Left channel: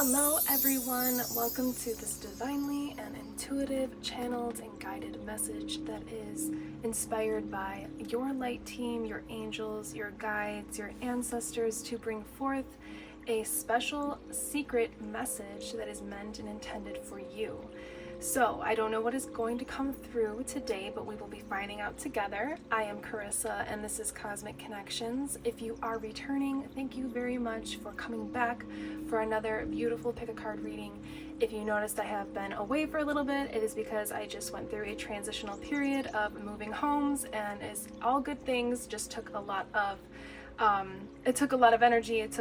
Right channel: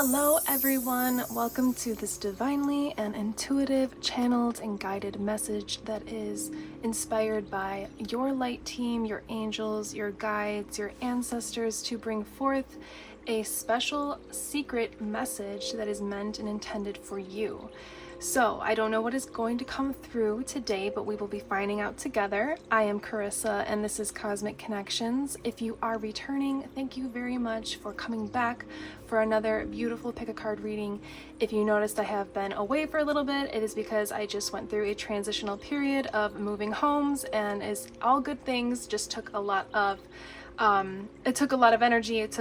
Hello everyone, welcome to this divinely and intuitive, channeled and guided message that is inspired by your light team, your angels, your guides, your ancestors to bring forth a special secret message that is meant and intended for you. So, I don't know what is going to come through today, but we will be finding out together. I am Carissa, and this is Cosmic Connections. If you are returning, thank you very much for coming back for another beautiful pick-a-card reading. If you noticed I have been away for a little bit, it is because I just went through a transitional period of moving homes, and as all good things, just took a lot of it took a lot of energy, it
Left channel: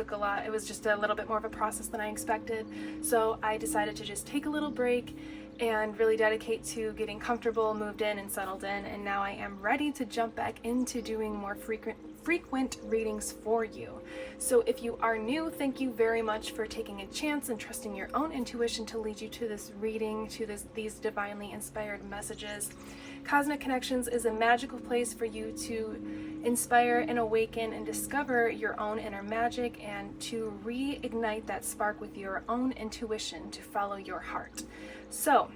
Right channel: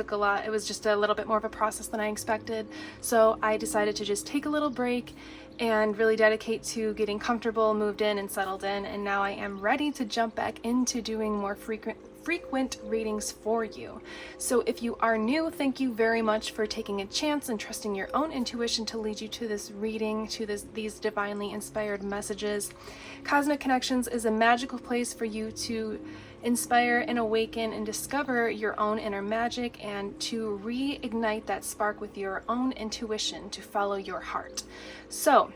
was just a little bit more of a process than I expected. So I decided to just take a little break and really dedicate to getting comfortable, moved in and settled in, and now I am ready to jump back into doing more frequent readings for you. So if you are new, thank you very much for taking a chance and trusting your own intuition to lead you to this reading, to these divinely inspired messages. Cosmic Connections is a magical place for you to inspire and awaken and discover your own inner magic and to reignite that spark with your own intuition to follow your heart. So,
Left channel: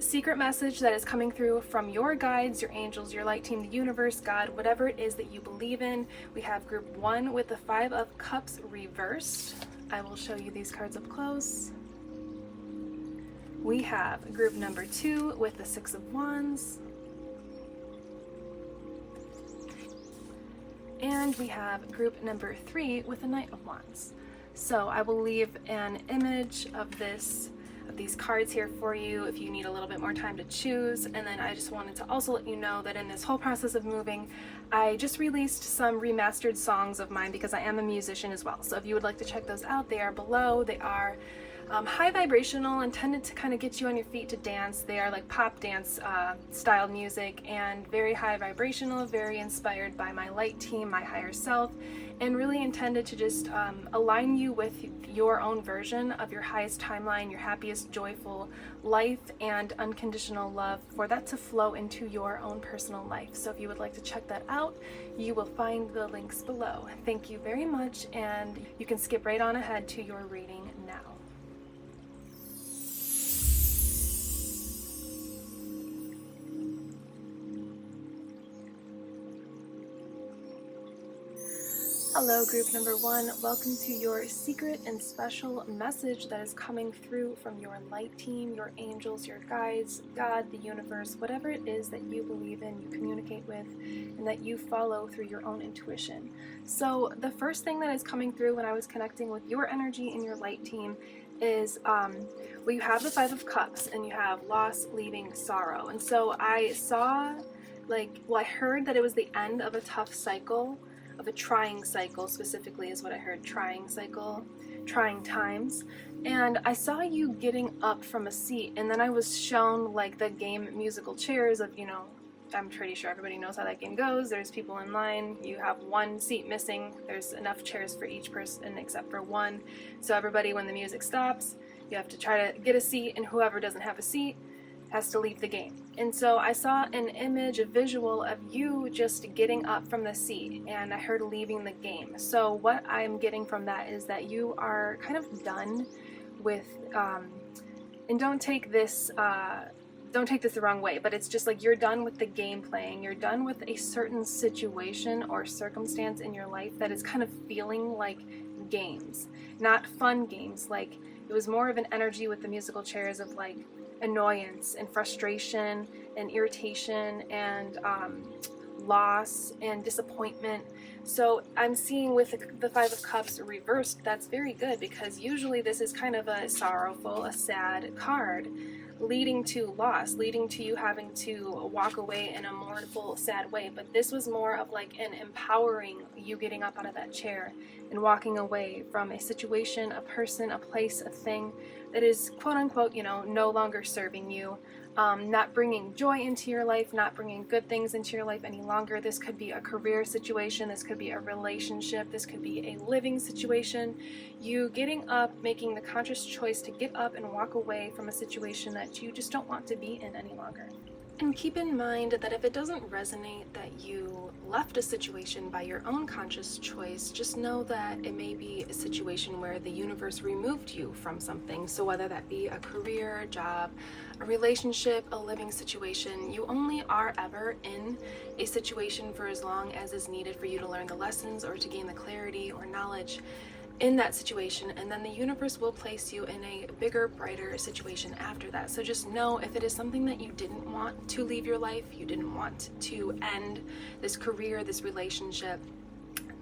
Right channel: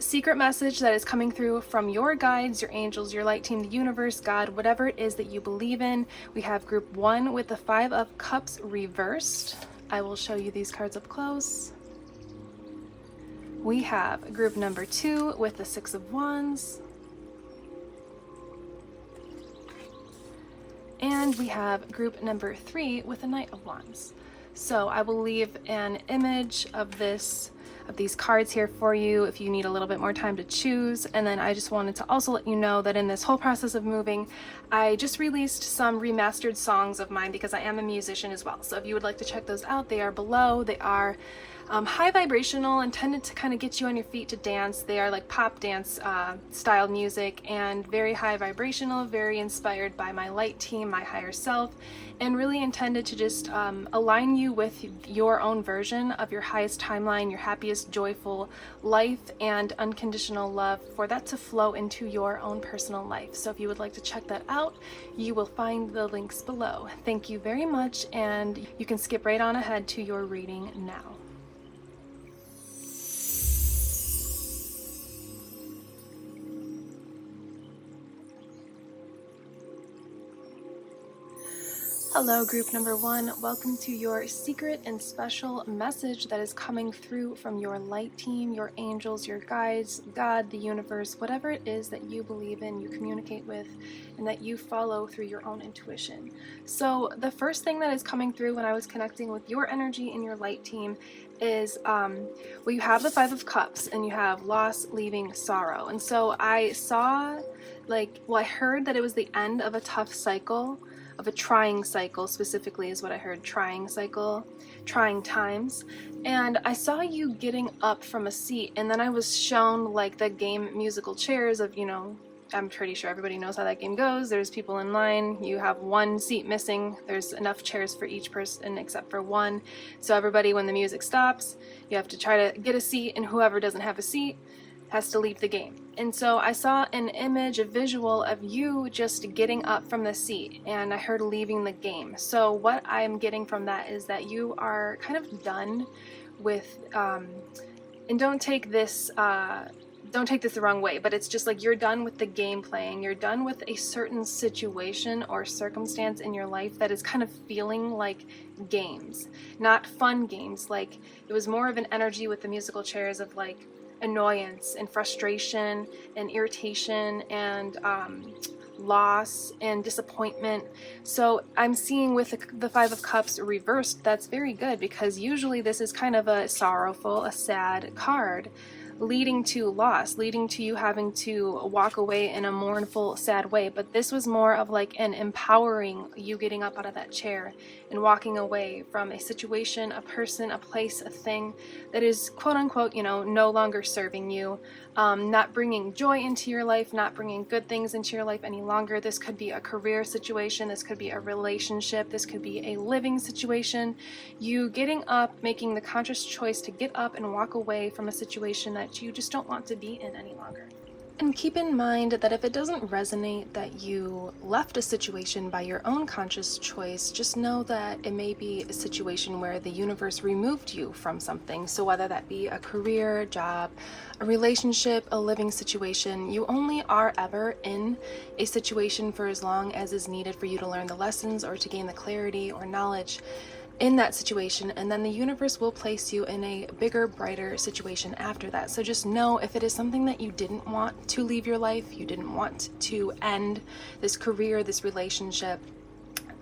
secret message that is coming through from your guides, your angels, your light team, the universe, God, whatever it is that you believe in. We have group 1 with the 5 of Cups reversed. I will show you these cards up close. We have group number 2 with the 6 of Wands. And we have group number 3 with the Knight of Wands. So I will leave an image of these cards here for you if you need a little bit more time to choose. And then I just wanted to also let you know that in this whole process of moving, I just released some remastered songs of mine because I am a musician as well. So if you would like to check those out, they are below. They are high vibrational, intended to kind of get you on your feet to dance. They are like pop dance styled music and very high vibrational, very inspired by my light team, my higher self, and really intended to just align you with your own version of your highest timeline, your happiest, joyful life, and unconditional love, for that to flow into your own personal life. So if you would like to check that out, you will find the links below. Thank you very much, and you can skip right on ahead to your reading now. Hello, group number 1. Welcome to your secret and special message that is coming through from your light team, your angels, your guides, God, the universe, whatever it is that you believe in, you communicate with, and that you follow through your own intuition. So the first thing that is coming through when I was connecting with your energy and your light team is, well, you have the 5 of Cups and you have loss, leaving, sorrow. And so I saw, I heard that it was the end of a tough cycle, of a trying cycle specifically is what I heard. Trying cycle, trying times. And I saw you getting up from a seat, and then I was shown like the game musical chairs of, I'm pretty sure everybody knows how that game goes. There's people in line, you have one seat missing, there's enough chairs for each person except for one. So everybody, when the music stops, you have to try to get a seat, and whoever doesn't have a seat has to leave the game. And so I saw an image, a visual of you just getting up from the seat, and I heard leaving the game. So what I'm getting from that is that you are kind of done with, and don't take this the wrong way, but it's just like you're done with the game playing. You're done with a certain situation or circumstance in your life that is kind of feeling like games, not fun games. Like, it was more of an energy with the musical chairs of like annoyance and frustration and irritation and loss and disappointment. So I'm seeing with the 5 of Cups reversed, that's very good, because usually this is kind of a sorrowful, a sad card, leading to loss, leading to you having to walk away in a mournful, sad way. But this was more of like an empowering, you getting up out of that chair and walking away from a situation, a person, a place, a thing that is quote unquote, no longer serving you, not bringing joy into your life, not bringing good things into your life any longer. This could be a career situation, this could be a relationship, this could be a living situation. You getting up, making the conscious choice to get up and walk away from a situation that you just don't want to be in any longer. And keep in mind that if it doesn't resonate that you left a situation by your own conscious choice, just know that it may be a situation where the universe removed you from something. So whether that be a career, a job, a relationship, a living situation, you only are ever in a situation for as long as is needed for you to learn the lessons or to gain the clarity or knowledge in that situation, and then the universe will place you in a bigger, brighter situation after that. So just know, if it is something that you didn't want to leave your life, you didn't want to end this career, this relationship,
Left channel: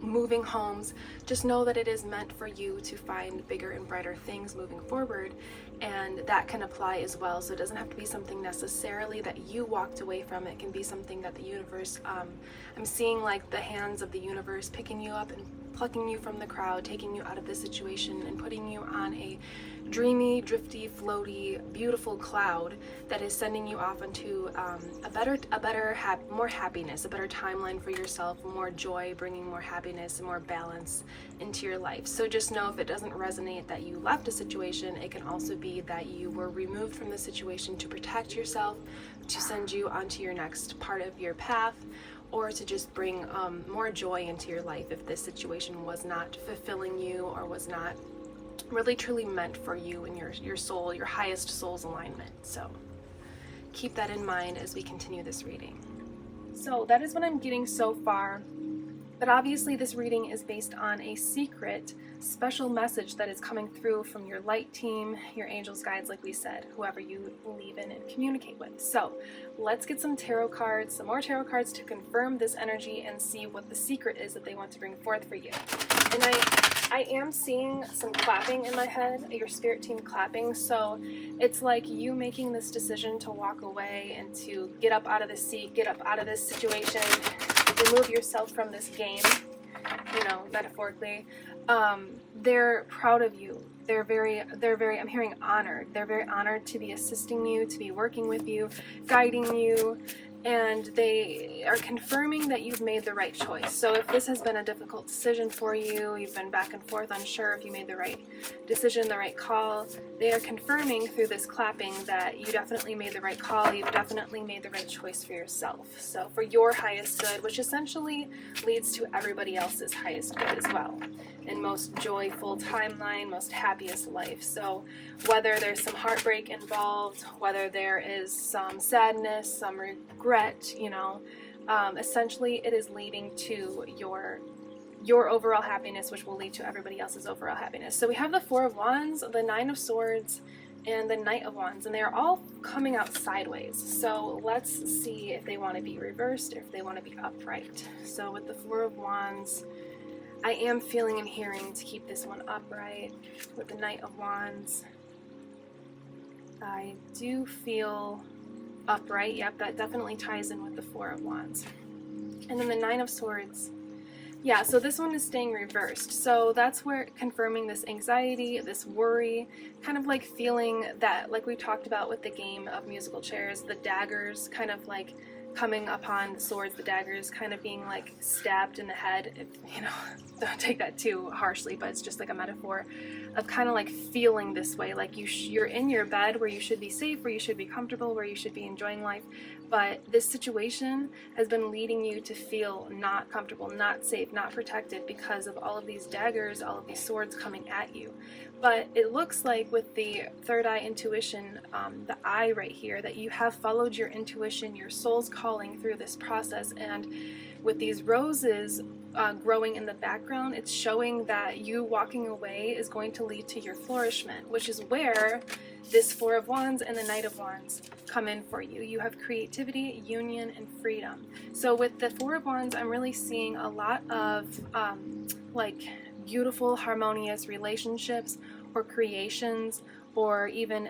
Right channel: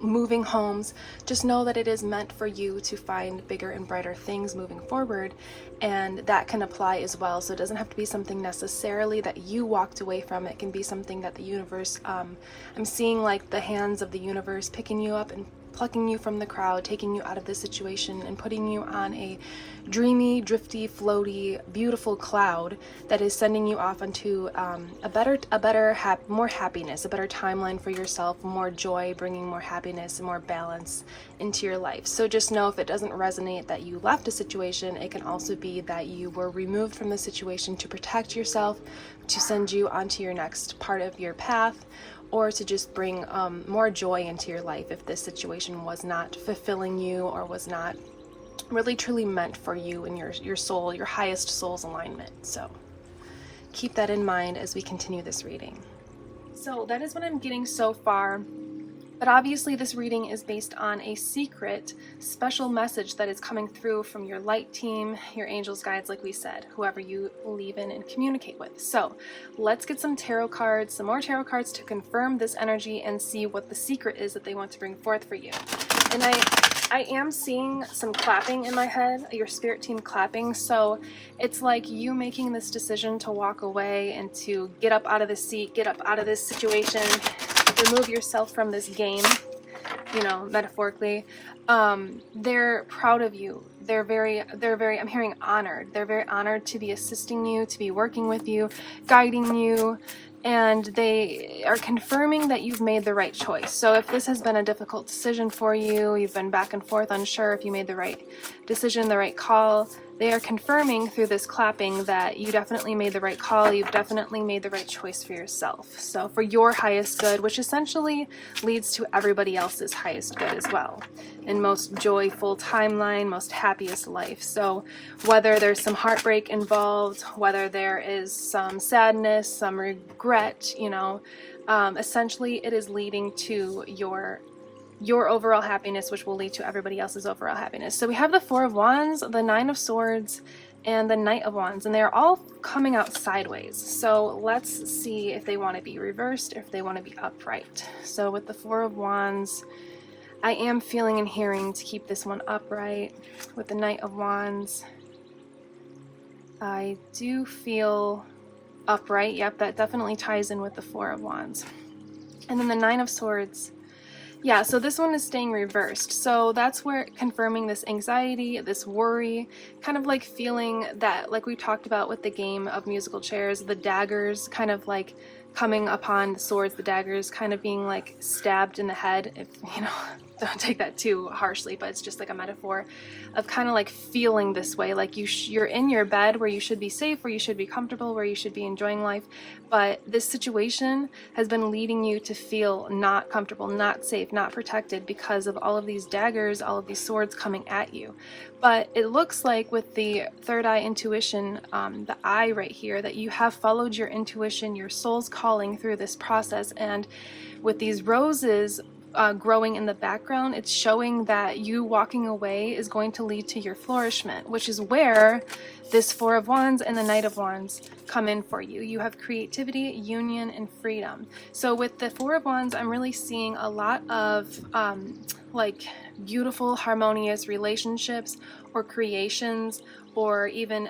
moving homes, just know that it is meant for you to find bigger and brighter things moving forward, and that can apply as well. So it doesn't have to be something necessarily that you walked away from. It can be something that the universe, I'm seeing like the hands of the universe picking you up and plucking you from the crowd, taking you out of this situation and putting you on a dreamy, drifty, floaty, beautiful cloud that is sending you off onto more happiness, a better timeline for yourself, more joy, bringing more happiness and more balance into your life. So just know, if it doesn't resonate that you left a situation, it can also be that you were removed from the situation to protect yourself, to send you onto your next part of your path, or to just bring more joy into your life if this situation was not fulfilling you or was not really truly meant for you and your soul, your highest soul's alignment. So keep that in mind as we continue this reading. So that is what I'm getting so far. But obviously this reading is based on a secret, special message that is coming through from your light team, your angels, guides, like we said, whoever you believe in and communicate with. So let's get some tarot cards, some more tarot cards to confirm this energy and see what the secret is that they want to bring forth for you. And I am seeing some clapping in my head, your spirit team clapping. So it's like you making this decision to walk away and to get up out of the seat, get up out of this situation, remove yourself from this game, you know, metaphorically. They're proud of you. They're very, I'm hearing honored. They're very honored to be assisting you, to be working with you, guiding you, and they are confirming that you've made the right choice. So if this has been a difficult decision for you, you've been back and forth, unsure if you made the right decision, the right call, they are confirming through this clapping that you definitely made the right call, you've definitely made the right choice for yourself. So for your highest good, which essentially leads to everybody else's highest good as well, and most joyful timeline, most happiest life. So whether there's some heartbreak involved, whether there is some sadness, some regret, you know, essentially it is leading to your overall happiness, which will lead to everybody else's overall happiness. So we have the Four of Wands, the Nine of Swords, and the Knight of Wands, and they're all coming out sideways. So let's see if they want to be reversed, or if they want to be upright. So with the Four of Wands, I am feeling and hearing to keep this one upright. With the Knight of Wands, I do feel upright. Yep, that definitely ties in with the Four of Wands. And then the Nine of Swords, yeah, so this one is staying reversed. So that's where confirming this anxiety, this worry, kind of like feeling that, like we talked about with the game of musical chairs, the daggers kind of like coming upon the swords, the daggers kind of being like stabbed in the head. If, you know, don't take that too harshly, but it's just like a metaphor of kind of like feeling this way, like you're in your bed where you should be safe, where you should be comfortable, where you should be enjoying life, but this situation has been leading you to feel not comfortable, not safe, not protected because of all of these daggers, all of these swords coming at you. But it looks like with the third eye intuition, the eye right here, that you have followed your intuition, your soul's calling through this process, and with these roses growing in the background, it's showing that you walking away is going to lead to your flourishment, which is where this Four of Wands and the Knight of Wands come in for you. You have creativity, union, and freedom. So with the Four of Wands, I'm really seeing a lot of like beautiful, harmonious relationships or creations, or even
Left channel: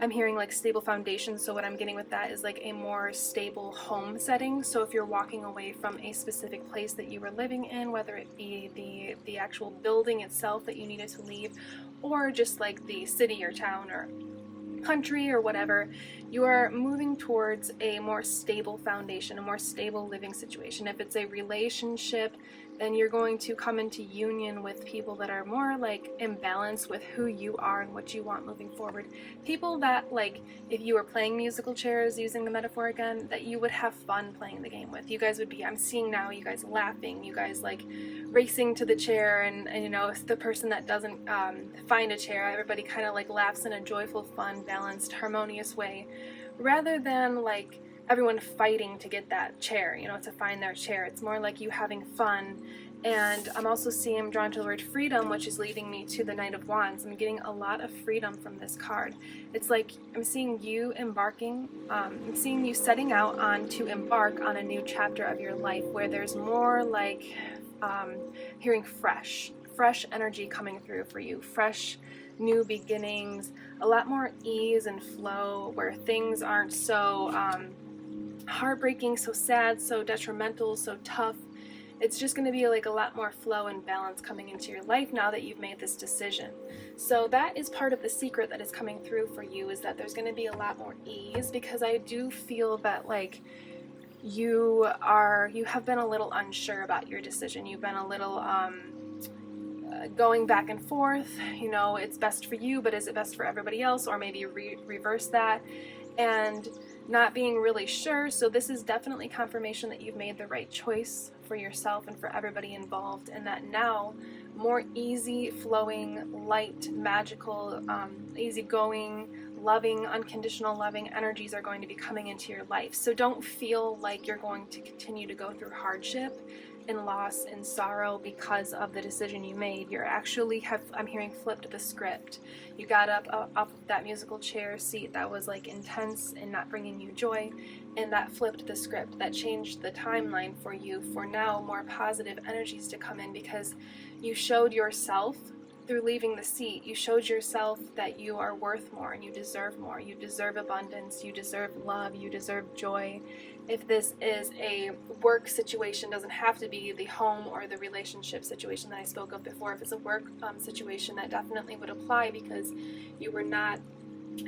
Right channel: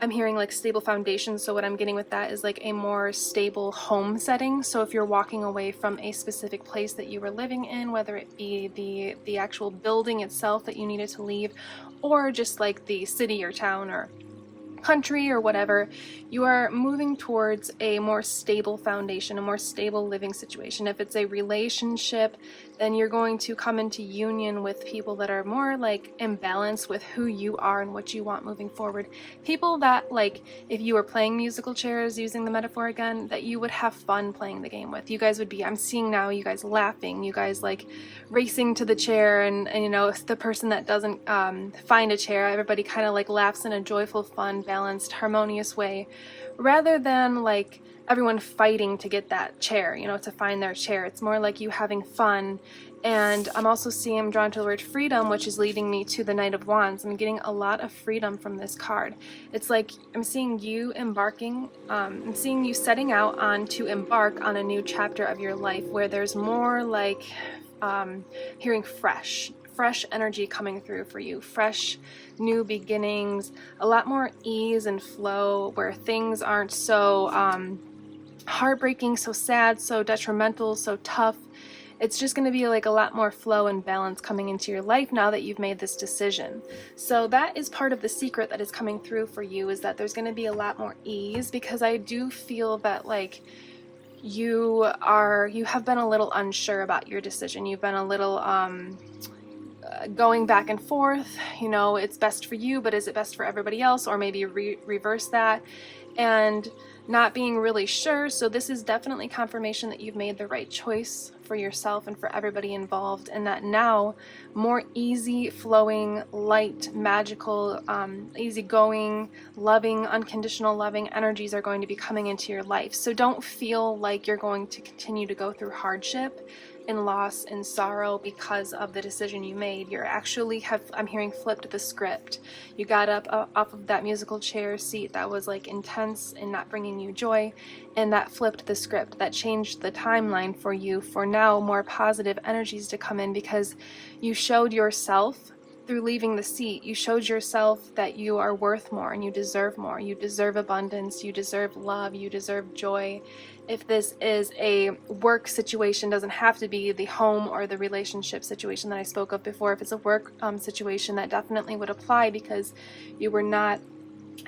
I'm hearing like stable foundations. So what I'm getting with that is like a more stable home setting. So if you're walking away from a specific place that you were living in, whether it be the actual building itself that you needed to leave, or just like the city or town or country or whatever, you are moving towards a more stable foundation, a more stable living situation. If it's a relationship, then you're going to come into union with people that are more like in balance with who you are and what you want moving forward. People that, like, if you were playing musical chairs, using the metaphor again, that you would have fun playing the game with. You guys would be, I'm seeing now, you guys laughing, you guys like racing to the chair, and you know, the person that doesn't find a chair, everybody kind of like laughs in a joyful, fun, balanced, harmonious way, rather than like everyone fighting to get that chair, you know, to find their chair. It's more like you having fun. And I'm also seeing, I'm drawn to the word freedom, which is leading me to the Knight of Wands. I'm getting a lot of freedom from this card. It's like I'm seeing you embarking, I'm seeing you setting out on to embark on a new chapter of your life where there's more like hearing fresh energy coming through for you, fresh new beginnings, a lot more ease and flow where things aren't so heartbreaking, so sad, so detrimental, so tough. It's just going to be like a lot more flow and balance coming into your life now that you've made this decision. So that is part of the secret that is coming through for you, is that there's going to be a lot more ease, because I do feel that like you have been a little unsure about your decision. You've been a little going back and forth, you know, it's best for you, but is it best for everybody else? Or maybe reverse that, and not being really sure. So this is definitely confirmation that you've made the right choice for yourself and for everybody involved, and that now more easy flowing, light, magical, easygoing, loving, unconditional loving energies are going to be coming into your life. So don't feel like you're going to continue to go through hardship and loss and sorrow because of the decision you made. You're actually I'm hearing flipped the script. You got up off of that musical chair seat that was like intense and not bringing you joy, and that flipped the script. That changed the timeline for you, for now more positive energies to come in, because you showed yourself through leaving the seat, you showed yourself that you are worth more and you deserve more. You deserve abundance, you deserve love, you deserve joy. If this is a work situation, doesn't have to be the home or the relationship situation that I spoke of before. If it's a work situation, that definitely would apply, because you were not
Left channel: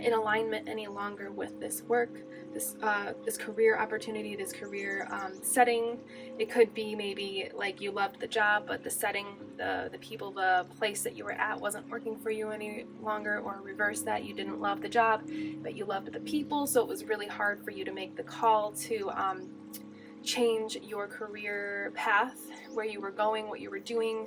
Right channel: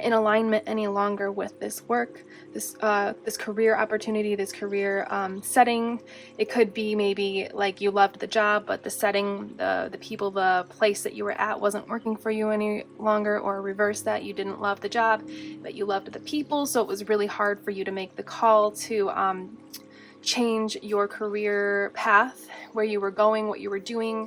in alignment any longer with this work, this career opportunity, this career setting. It could be maybe like you loved the job, but the setting, the people, the place that you were at wasn't working for you any longer, or reverse that, you didn't love the job, but you loved the people, so it was really hard for you to make the call to change your career path, where you were going, what you were doing,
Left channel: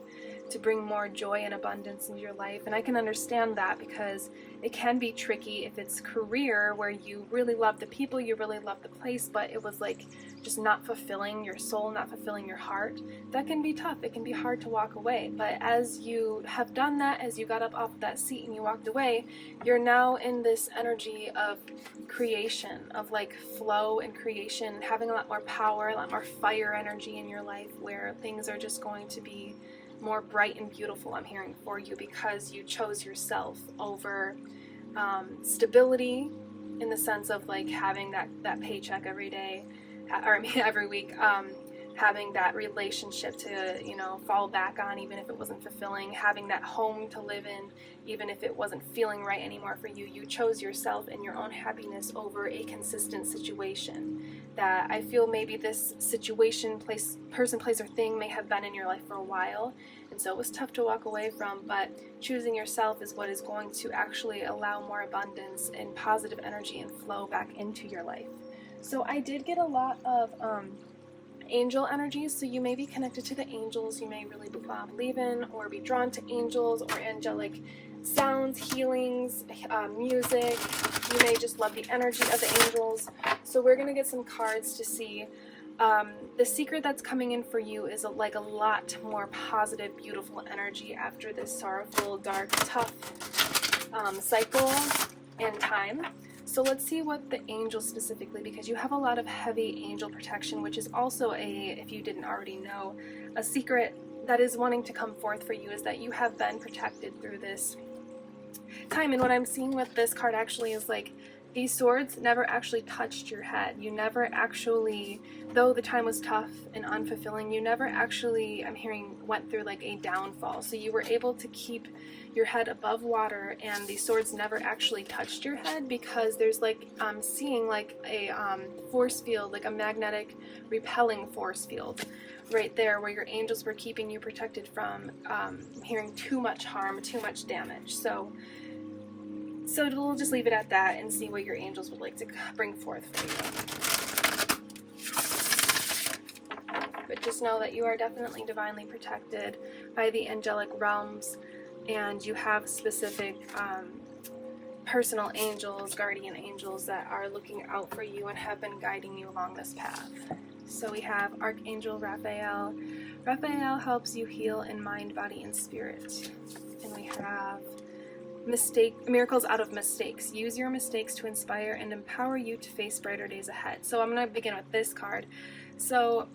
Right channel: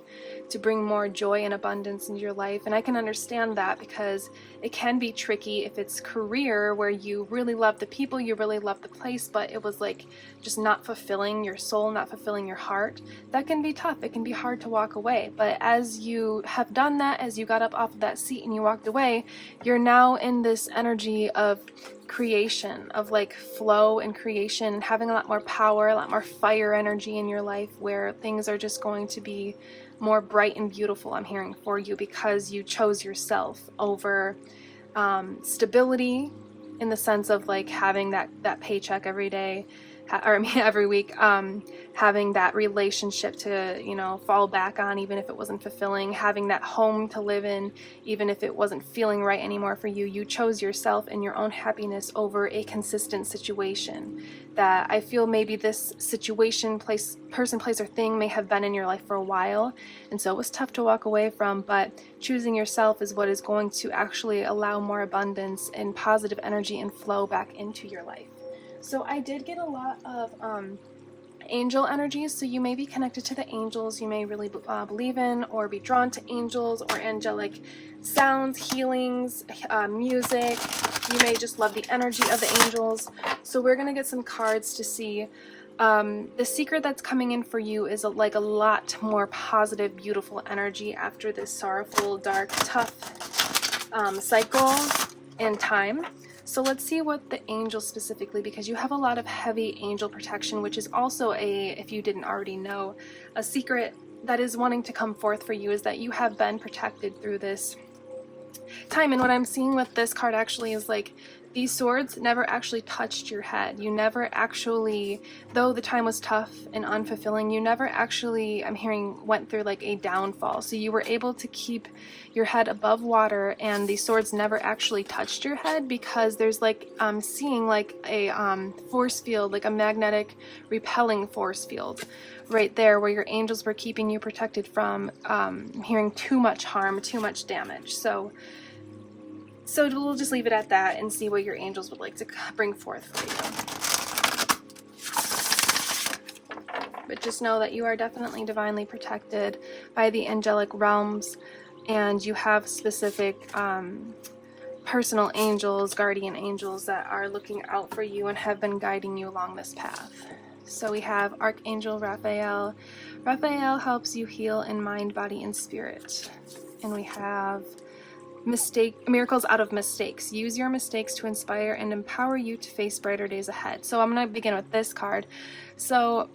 to bring more joy and abundance into your life. And I can understand that, because it can be tricky if it's career where you really love the people, you really love the place, but it was like just not fulfilling your soul, not fulfilling your heart. That can be tough. It can be hard to walk away. But as you have done that, as you got up off of that seat and you walked away, you're now in this energy of creation, of like flow and creation, having a lot more power, a lot more fire energy in your life, where things are just going to be more bright and beautiful, I'm hearing, for you, because you chose yourself over stability, in the sense of like having that paycheck every day, every week, having that relationship to, you know, fall back on, even if it wasn't fulfilling, having that home to live in, even if it wasn't feeling right anymore for you. You chose yourself and your own happiness over a consistent situation that I feel maybe this situation, person, place, or thing may have been in your life for a while, and so it was tough to walk away from, but choosing yourself is what is going to actually allow more abundance and positive energy and flow back into your life. So I did get a lot of angel energies, so you may be connected to the angels. You may really believe in or be drawn to angels or angelic sounds, healings, music. You may just love the energy of the angels. So we're going to get some cards to see. The secret that's coming in for you is like a lot more positive, beautiful energy after this sorrowful, dark, tough cycle and time. So let's see what the angels specifically, because you have a lot of heavy angel protection, which is also if you didn't already know, a secret that is wanting to come forth for you, is that you have been protected through this time. And what I'm seeing with this card actually is like these swords never actually touched your head. You never actually, though the time was tough and unfulfilling, you never actually, I'm hearing, went through like a downfall. So you were able to keep your head above water, and these swords never actually touched your head, because there's like, I'm seeing like a force field, like a magnetic repelling force field right there, where your angels were keeping you protected from hearing too much harm, too much damage. So we'll just leave it at that and see what your angels would like to bring forth for you. But just know that you are definitely divinely protected by the angelic realms, and you have specific personal angels, guardian angels that are looking out for you and have been guiding you along this path. So we have Archangel Raphael. Raphael helps you heal in mind, body, and spirit. And we have miracles out of mistakes. Use your mistakes to inspire and empower you to face brighter days ahead. So I'm going to begin with this card. So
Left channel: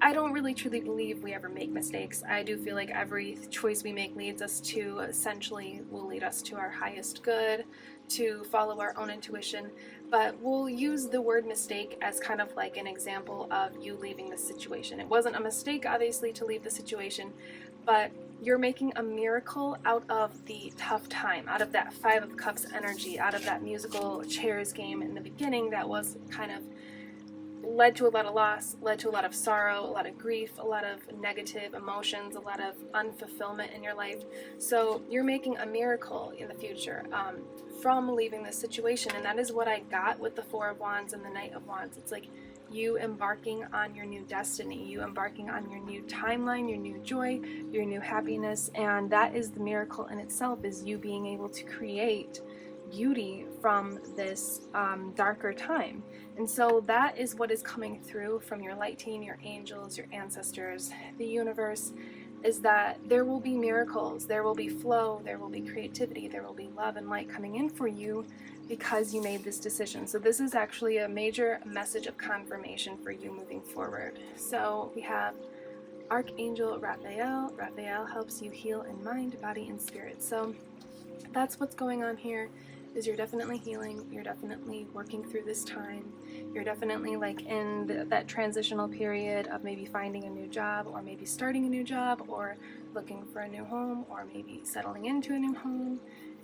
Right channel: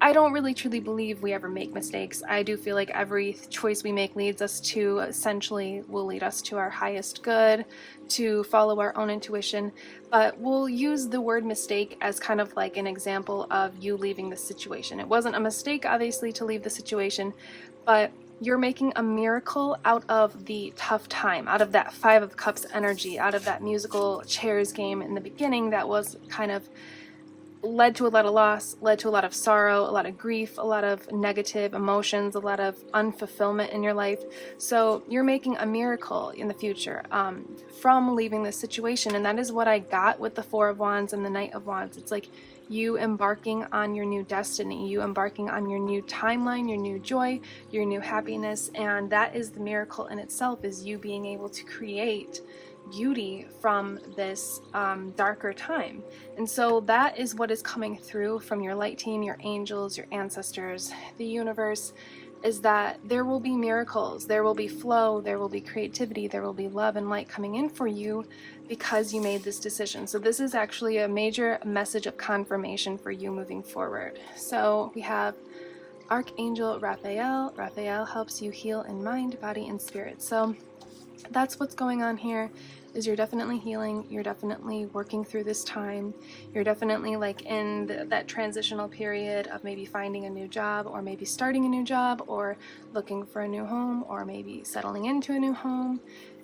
I don't really truly believe we ever make mistakes. I do feel like every choice we make leads us to, essentially, will lead us to our highest good, to follow our own intuition. But we'll use the word mistake as kind of like an example of you leaving the situation. It wasn't a mistake, obviously, to leave the situation, but you're making a miracle out of the tough time, out of that Five of Cups energy, out of that musical chairs game in the beginning that was kind of led to a lot of loss, led to a lot of sorrow, a lot of grief, a lot of negative emotions, a lot of unfulfillment in your life. So you're making a miracle in the future from leaving this situation. And that is what I got with the Four of Wands and the Knight of Wands. It's like you embarking on your new destiny, you embarking on your new timeline, your new joy, your new happiness. And that is the miracle in itself, is you being able to create beauty from this darker time. And so that is what is coming through from your light team, your angels, your ancestors, the universe, is that there will be miracles, there will be flow, there will be creativity, there will be love and light coming in for you because you made this decision. So this is actually a major message of confirmation for you moving forward. So we have Archangel Raphael. Raphael helps you heal in mind, body, and spirit. So that's what's going on here, is you're definitely healing, you're definitely working through this time, you're definitely like in that transitional period of maybe finding a new job, or maybe starting a new job, or looking for a new home, or maybe settling into a new home.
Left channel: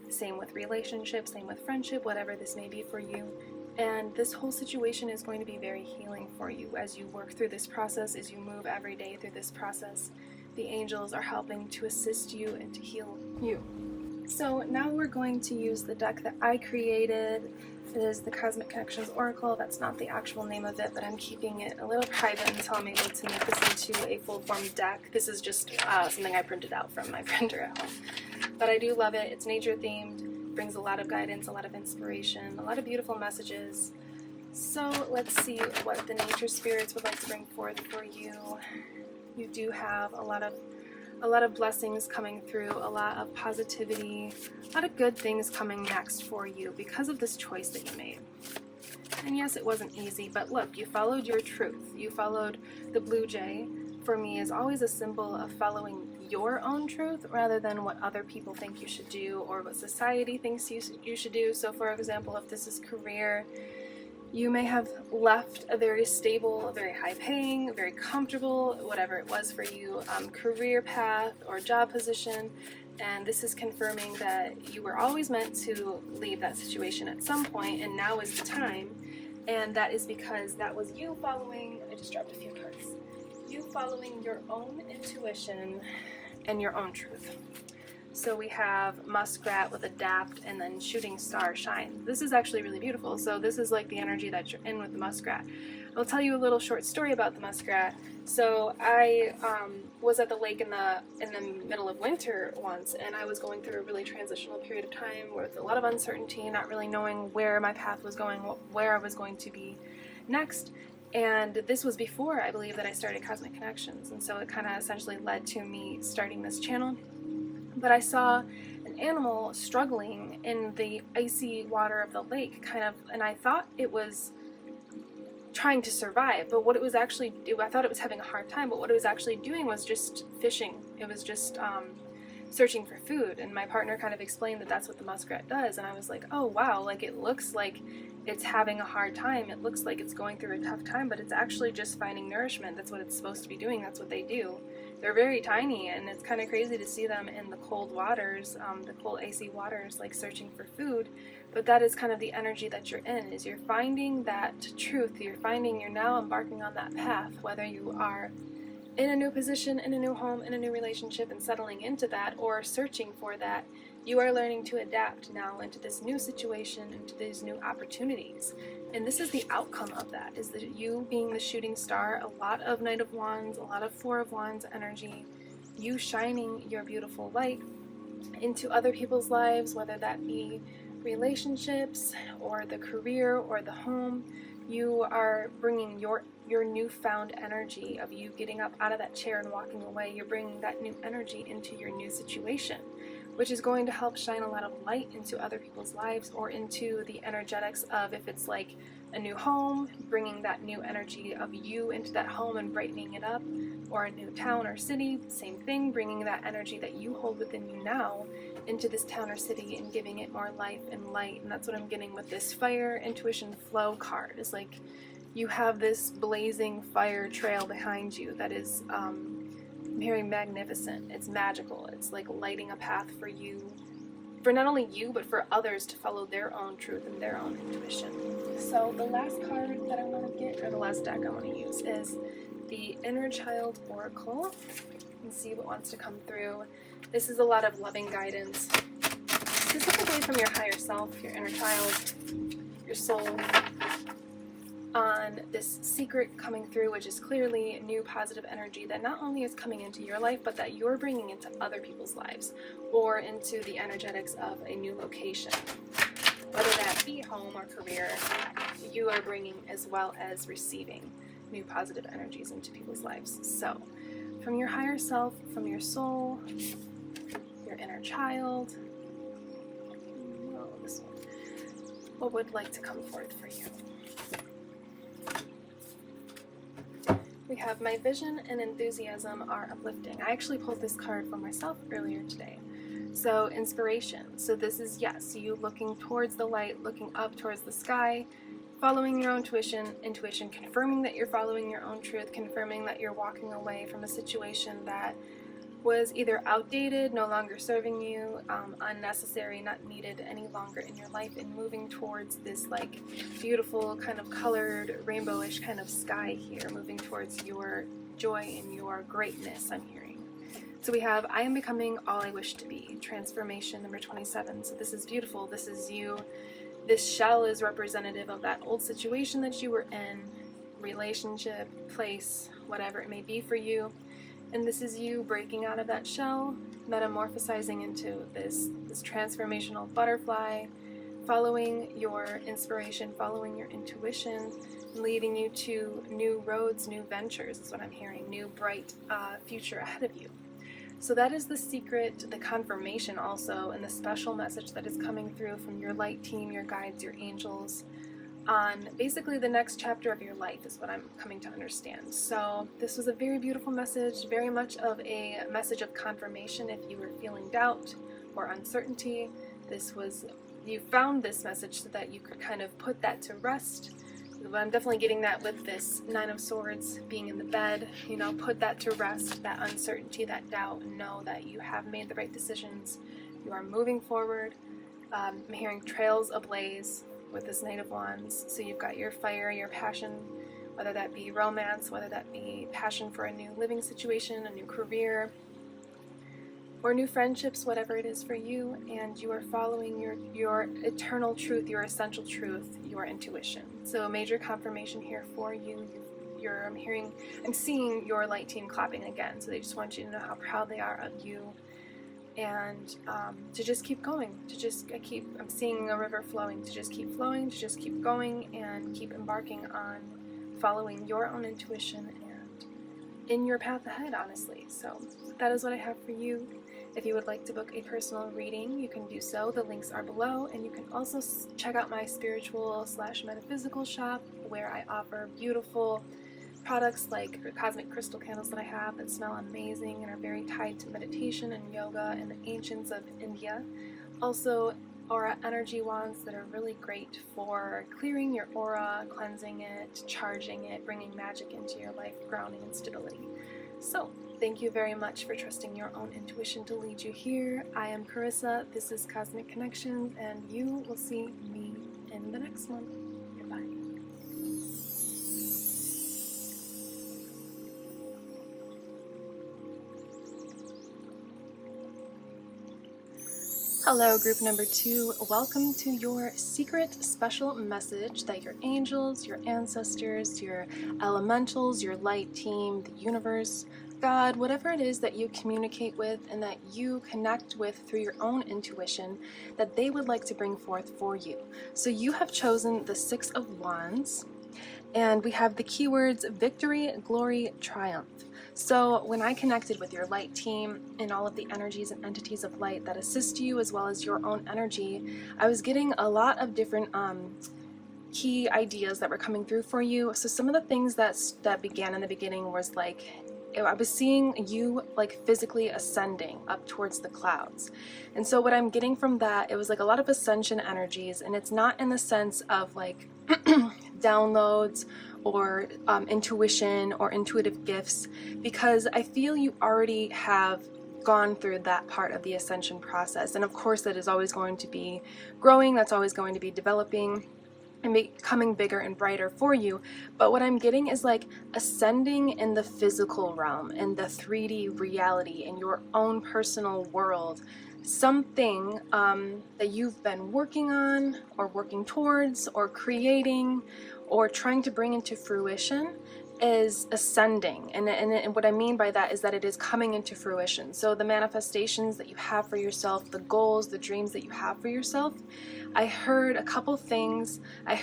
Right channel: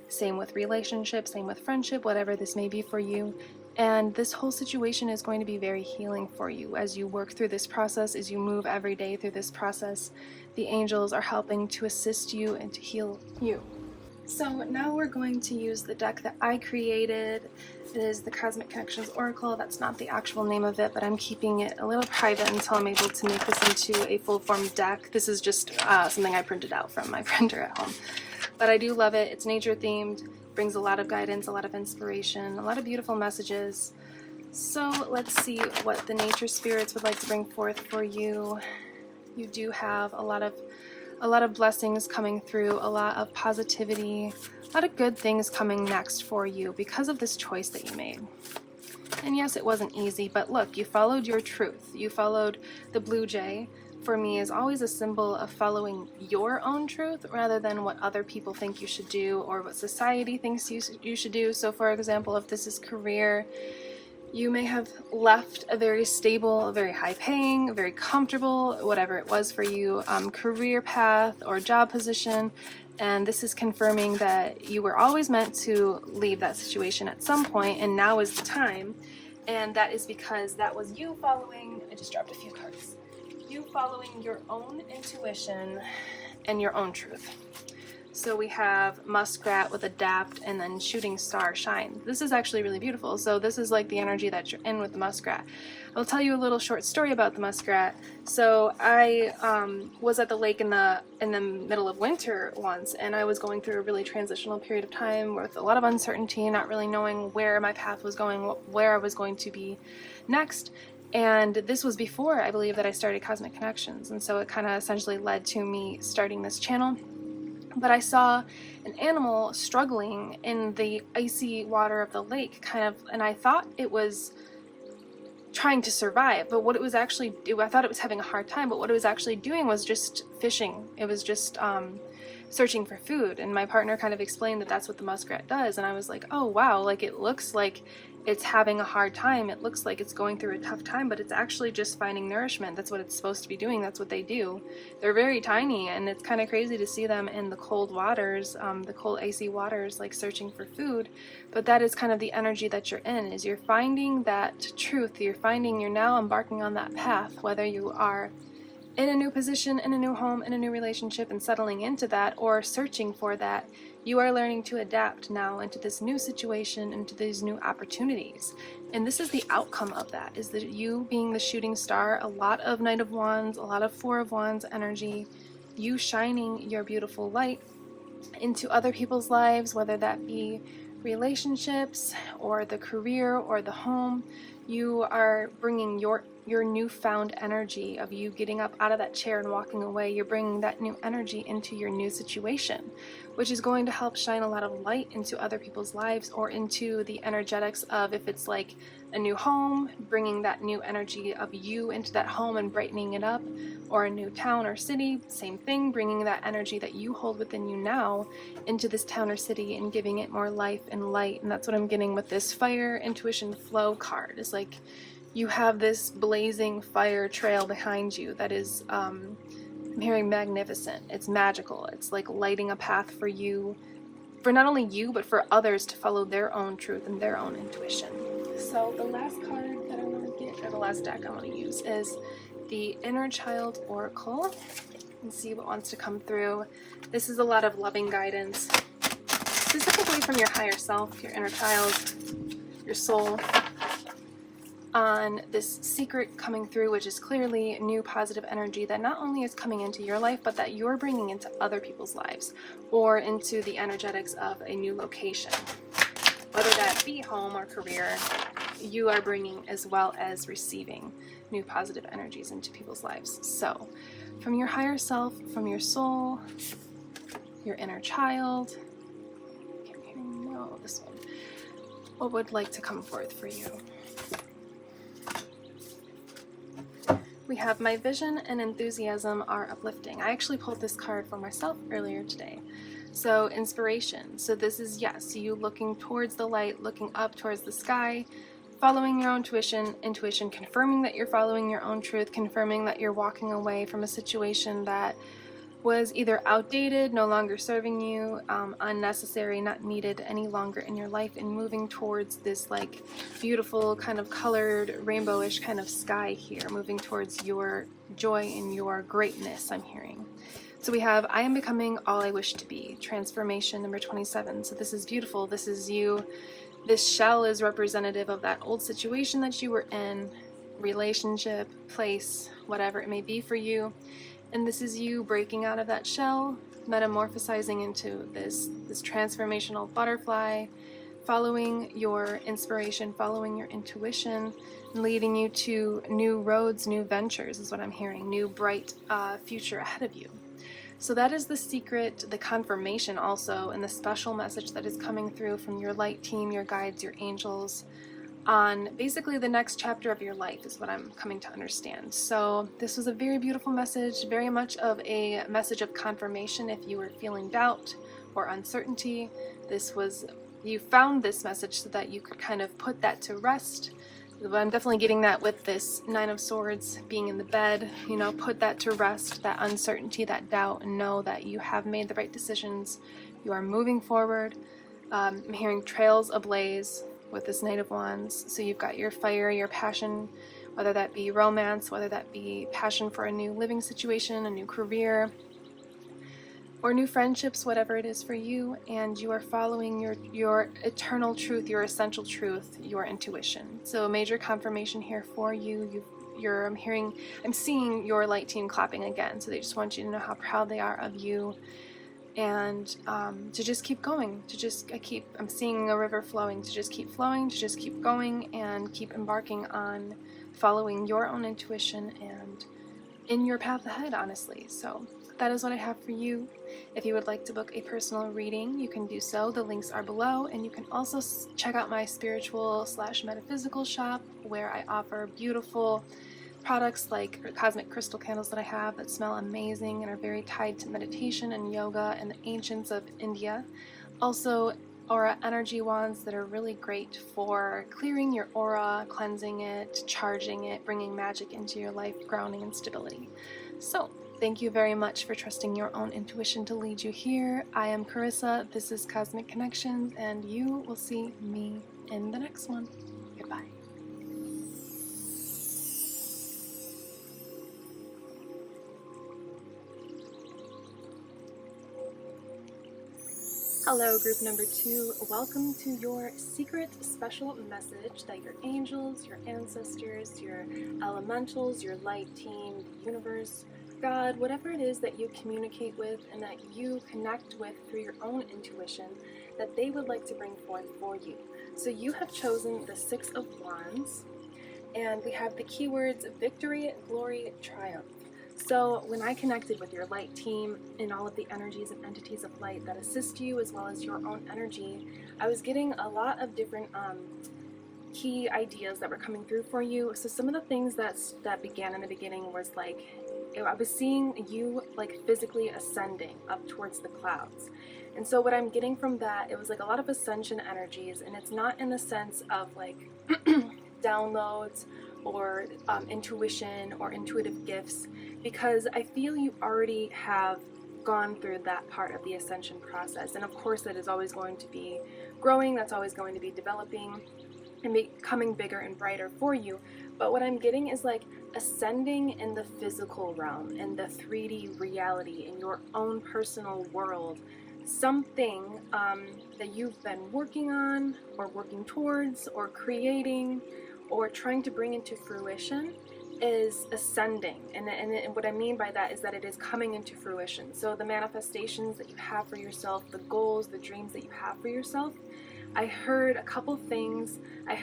Same with relationships, same with friendship, whatever this may be for you. And this whole situation is going to be very healing for you as you work through this process, as you move every day through this process. The angels are helping to assist you and to heal you. So now we're going to use the deck that I created. It is the Cosmic Connections Oracle. That's not the actual name of it, but I'm keeping it a little private until I'm able to make this into a full-form deck. This is just something I printed out from my printer at home. But I do love it. It's nature-themed, brings a lot of guidance, a lot of inspiration, a lot of beautiful messages. So let's see what the nature spirits would like to bring forth for you. You do have a lot of blessings coming through, a lot of positivity, a lot of good things coming next for you because of this choice that you made. And yes, it wasn't easy, but look, you followed your truth. You followed the blue jay. For me, is always a symbol of following your own truth rather than what other people think you should do or what society thinks you should do. So for example, if this is career, you may have left a very stable, a very high paying, a very comfortable, whatever it was for you, career path or job position, and this is confirming that you were always meant to leave that situation at some point, and now is the time. And that is because that was you following, I just dropped a few cards, you following your own intuition and your own truth. So we have Muskrat with Adapt, and then Shooting Star Shine. This is actually really beautiful. So this is like the energy that you're in with the Muskrat. I'll tell you a little short story about the Muskrat. So I was at the lake in the middle of winter once, and I was going through a really transitional period of time with a lot of uncertainty, not really knowing where my path was going, where I was going to be next. And this was before, I believe, that I started Cosmic Connections, and so it kind of essentially led to me starting this channel. But I saw an animal struggling in the icy water of the lake, and I thought it was trying to survive, but what it was actually, I thought it was having a hard time, but what it was actually doing was just fishing. It was just searching for food. And my partner kind of explained that that's what the muskrat does. And I was like, oh wow, like it looks like it's having a hard time. It looks like it's going through a tough time, but it's actually just finding nourishment. That's what it's supposed to be doing. That's what they do. They're very tiny, and it's kind of crazy to see them in the cold waters, the cold icy waters, like searching for food. But that is kind of the energy that you're in, is you're finding that truth. You're now embarking on that path, whether you are in a new position, in a new home, in a new relationship, and settling into that, or searching for that. You are learning to adapt now into this new situation, into these new opportunities. And this is the outcome of that, is that you being the shooting star, a lot of Knight of Wands, a lot of Four of Wands energy, you shining your beautiful light into other people's lives, whether that be relationships or the career or the home. You are bringing your newfound energy of you getting up out of that chair and walking away. You're bringing that new energy into your new situation, which is going to help shine a lot of light into other people's lives, or into the energetics of, if it's like a new home, bringing that new energy of you into that home and brightening it up, or a new town or city, same thing, bringing that energy that you hold within you now into this town or city and giving it more life and light. And that's what I'm getting with this Fire Intuition Flow card. It's like you have this blazing fire trail behind you that is I'm hearing magnificent. It's magical. It's like lighting a path for you, for not only you, but for others to follow their own truth and their own intuition. So the last card that I want to get, or the last deck I want to use, is the Inner Child Oracle, and see what wants to come through. This is a lot of loving guidance, specifically from your higher self, your inner child, your soul, on this secret coming through, which is clearly new positive energy that not only is coming into your life, but that you're bringing into other people's lives, or into the energetics of a new location. Whether that be home or career, you are bringing as well as receiving new positive energies into people's lives. So, from your higher self, from your soul, your inner child, no, this one, what would like to come forth for you? We have my vision and enthusiasm are uplifting. I actually pulled this card for myself earlier today. So inspiration. So this is, yes, you looking towards the light, looking up towards the sky, following your own intuition, confirming that you're following your own truth, confirming that you're walking away from a situation that was either outdated, no longer serving you, unnecessary, not needed any longer in your life, and moving towards this like beautiful kind of colored rainbowish kind of sky here, moving towards your joy and your greatness, I'm hearing. So we have I am becoming all I wish to be, transformation number 27. So this is beautiful. This is you. This shell is representative of that old situation that you were in, relationship, place, whatever it may be for you. And this is you breaking out of that shell, metamorphosizing into this transformational butterfly, following your inspiration, following your intuition, leading you to new roads, new ventures is what I'm hearing, new bright future ahead of you. So that is the secret, the confirmation also, and the special message that is coming through from your light team, your guides, your angels, on basically the next chapter of your life is what I'm coming to understand. So this was a very beautiful message, very much of a message of confirmation if you were feeling doubt or uncertainty. You found this message so that you could kind of put that to rest. I'm definitely getting that with this Nine of Swords being in the bed, put that to rest, that uncertainty, that doubt, and know that you have made the right decisions. You are moving forward. I'm hearing trails ablaze with this Knight of Wands. So you've got your fire, your passion, whether that be romance, whether that be passion for a new living situation, a new career, or new friendships, whatever it is for you, and you are following your eternal truth, your essential truth, your intuition. So a major confirmation here for you. I'm seeing your light team clapping again, so they just want you to know how proud they are of you, and to just keep going, I'm seeing a river flowing, to just keep flowing, to just keep going, and keep embarking on following your own intuition and in your path ahead, honestly. So that is what I have for you. If you would like to book a personal reading, you can do so. The links are below, and you can also check out my spiritual / metaphysical shop, where I offer beautiful products like cosmic crystal candles that I have that smell amazing and are very tied to meditation and yoga and the ancients of India. Also, aura energy wands that are really great for clearing your aura, cleansing it, charging it, bringing magic into your life, grounding and stability. So, thank you very much for trusting your own intuition to lead you here. I am Carissa, this is Cosmic Connections, and you will see me in the next one. Goodbye. Hello, group number 2. Welcome to your secret special message that your angels, your ancestors, your elementals, your light team, the universe, God, whatever it is that you communicate with and that you connect with through your own intuition, that they would like to bring forth for you. So you have chosen the 6 of Wands, and we have the keywords victory, glory, triumph. So when I connected with your light team and all of the energies and entities of light that assist you as well as your own energy, I was getting a lot of different key ideas that were coming through for you. So some of the things that began in the beginning was like, I was seeing you like physically ascending up towards the clouds. And so what I'm getting from that, it was like a lot of ascension energies, and it's not in the sense of like downloads or intuition or intuitive gifts, because I feel you already have gone through that part of the ascension process. And of course that is always going to be growing, that's always going to be developing and becoming bigger and brighter for you. But what I'm getting is like ascending in the physical realm, in the 3D reality, in your own personal world. Something that you've been working on or working towards or creating or trying to bring into fruition is ascending. And what I mean by that is that it is coming into fruition. So the manifestations that you have for yourself, the goals, the dreams that you have for yourself, I heard a couple things. I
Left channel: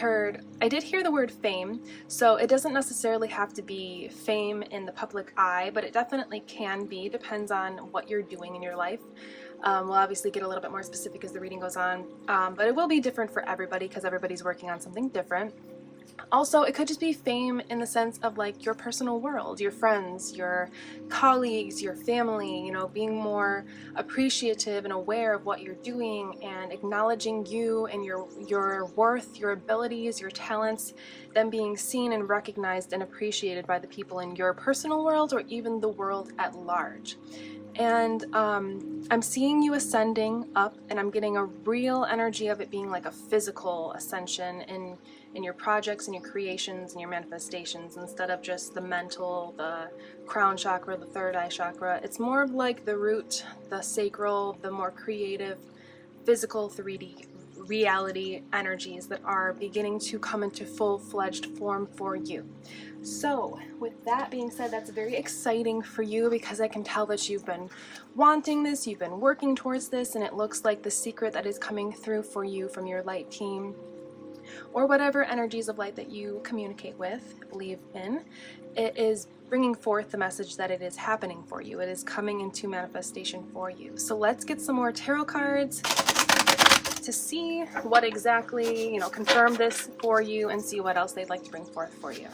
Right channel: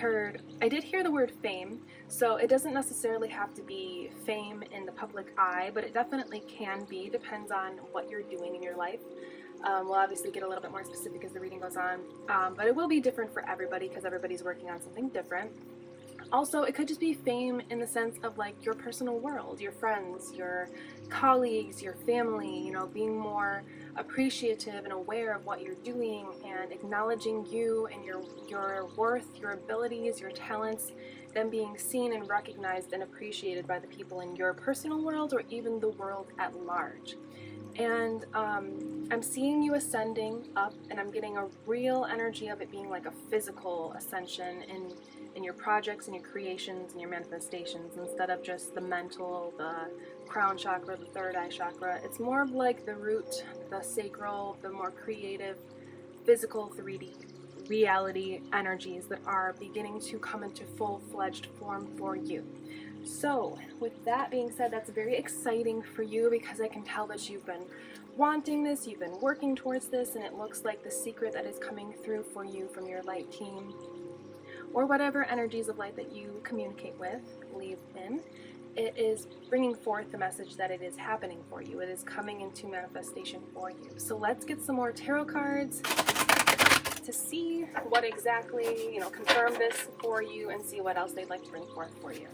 did hear the word fame, so it doesn't necessarily have to be fame in the public eye, but it definitely can be, depends on what you're doing in your life. We'll obviously get a little bit more specific as the reading goes on, but it will be different for everybody because everybody's working on something different. Also, it could just be fame in the sense of like your personal world, your friends, your colleagues, your family, you know, being more appreciative and aware of what you're doing and acknowledging you and your worth, your abilities, your talents, them being seen and recognized and appreciated by the people in your personal world or even the world at large. And I'm seeing you ascending up, and I'm getting a real energy of it being like a physical ascension in your projects and your creations and your manifestations, instead of just the mental, the crown chakra, the third eye chakra. It's more of like the root, the sacral, the more creative, physical 3D reality energies that are beginning to come into full-fledged form for you. So with that being said, that's very exciting for you because I can tell that you've been wanting this, you've been working towards this, and it looks like the secret that is coming through for you from your light team or whatever energies of light that you communicate with, believe in, it is bringing forth the message that it is happening for you. It is coming into manifestation for you. So let's get some more tarot cards to see what exactly, confirm this for you and see what else they'd like to bring forth for you.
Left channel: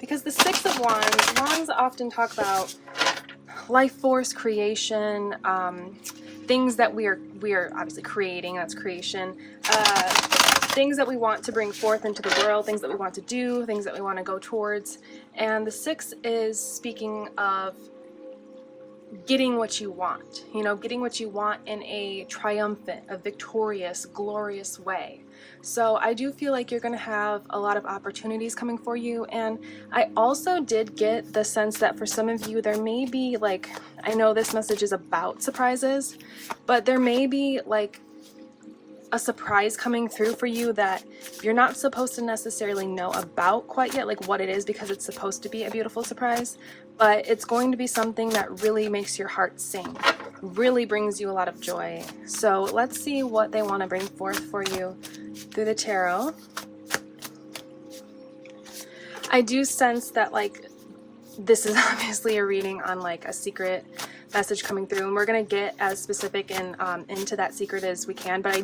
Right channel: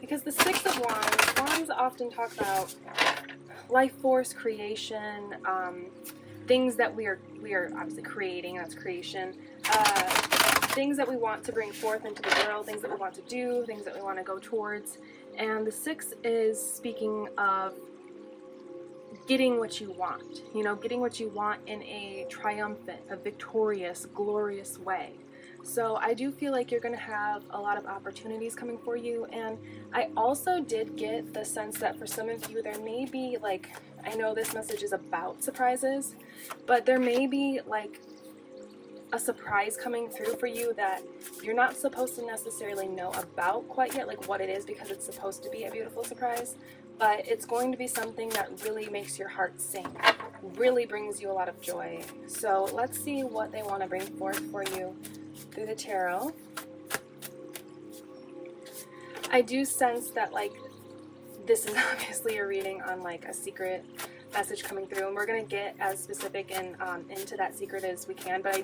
Because the 6 of Wands often talk about life force, creation, things that we are obviously creating, that's creation, things that we want to bring forth into the world, things that we want to do, things that we want to go towards. And the 6 is speaking of getting what you want, getting what you want in a triumphant, a victorious, glorious way. So I do feel like you're going to have a lot of opportunities coming for you. And I also did get the sense that for some of you, there may be like, I know this message is about surprises, but there may be like a surprise coming through for you that you're not supposed to necessarily know about quite yet, like what it is, because it's supposed to be a beautiful surprise, but it's going to be something that really makes your heart sing, really brings you a lot of joy. So let's see what they want to bring forth for you through the tarot. I do sense that like this is obviously a reading on like a secret message coming through, and we're gonna get as specific and into that secret as we can. But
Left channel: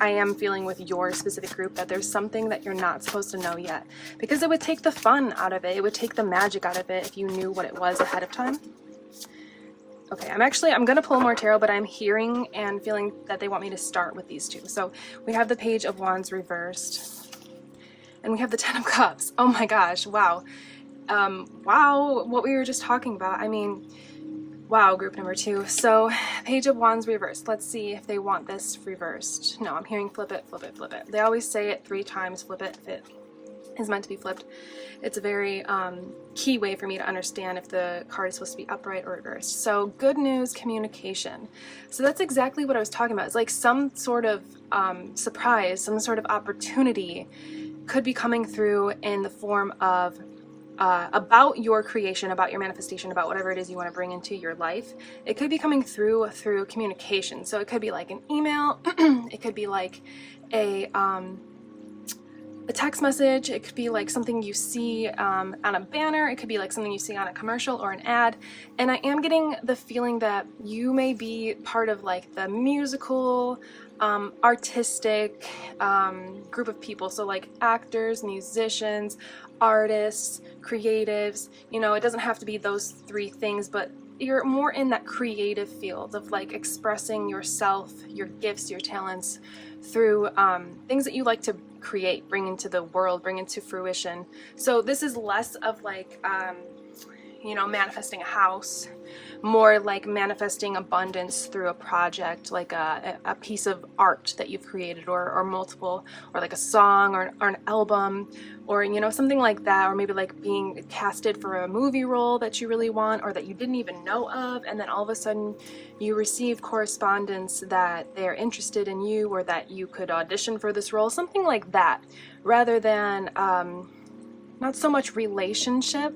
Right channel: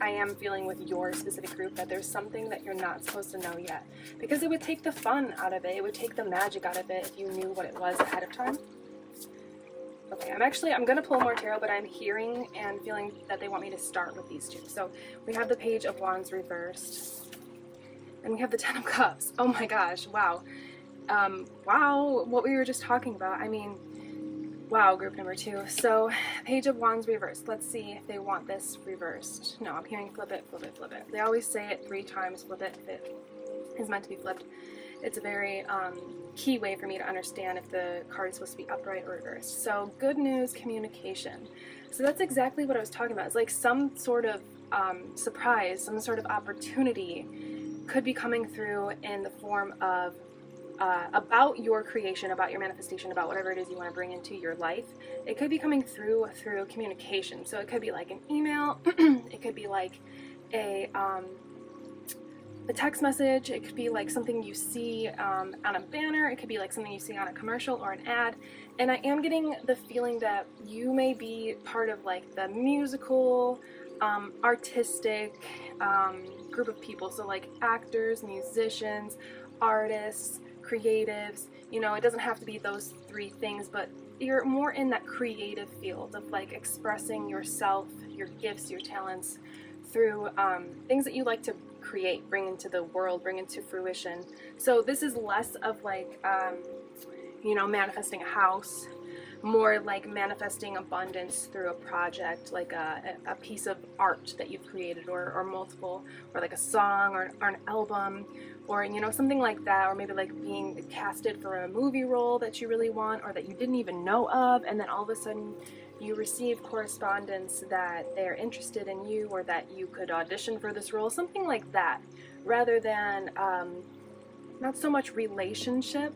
I am feeling with your specific group that there's something that you're not supposed to know yet, because it would take the fun out of it. It would take the magic out of it if you knew what it was ahead of time. Okay, I'm gonna pull more tarot, but I'm hearing and feeling that they want me to start with these two. So we have the Page of Wands reversed, and we have the Ten of Cups. Oh my gosh, wow. Wow, what we were just talking about. I mean, wow, group number 2. So, Page of Wands reversed. Let's see if they want this reversed. No, I'm hearing flip it, flip it, flip it. They always say it 3 times, flip it, if it is meant to be flipped. It's a very key way for me to understand if the card is supposed to be upright or reversed. So, good news, communication. So that's exactly what I was talking about. It's like some sort of surprise, some sort of opportunity could be coming through in the form of about your creation, about your manifestation, about whatever it is you want to bring into your life. It could be coming through communication. So it could be like an email, it could be like a text message, it could be like something you see on a banner, it could be like something you see on a commercial or an ad. And I am getting the feeling that you may be part of like the musical, artistic group of people. So like actors, musicians, artists, creatives, you know, it doesn't have to be those 3 things, but you're more in that creative field of like expressing yourself, your gifts, your talents through things that you like to create, bring into the world, bring into fruition. So this is less of like, you know, manifesting a house, more like manifesting abundance through a project, like a piece of art that you've created, or multiple, or like a song or an album, or, you know, something like that, or maybe like being casted for a movie role that you really want or that you didn't even know of, and then all of a sudden you receive correspondence that they're interested in you, or that you could audition for this role, something like that, rather than not so much relationship.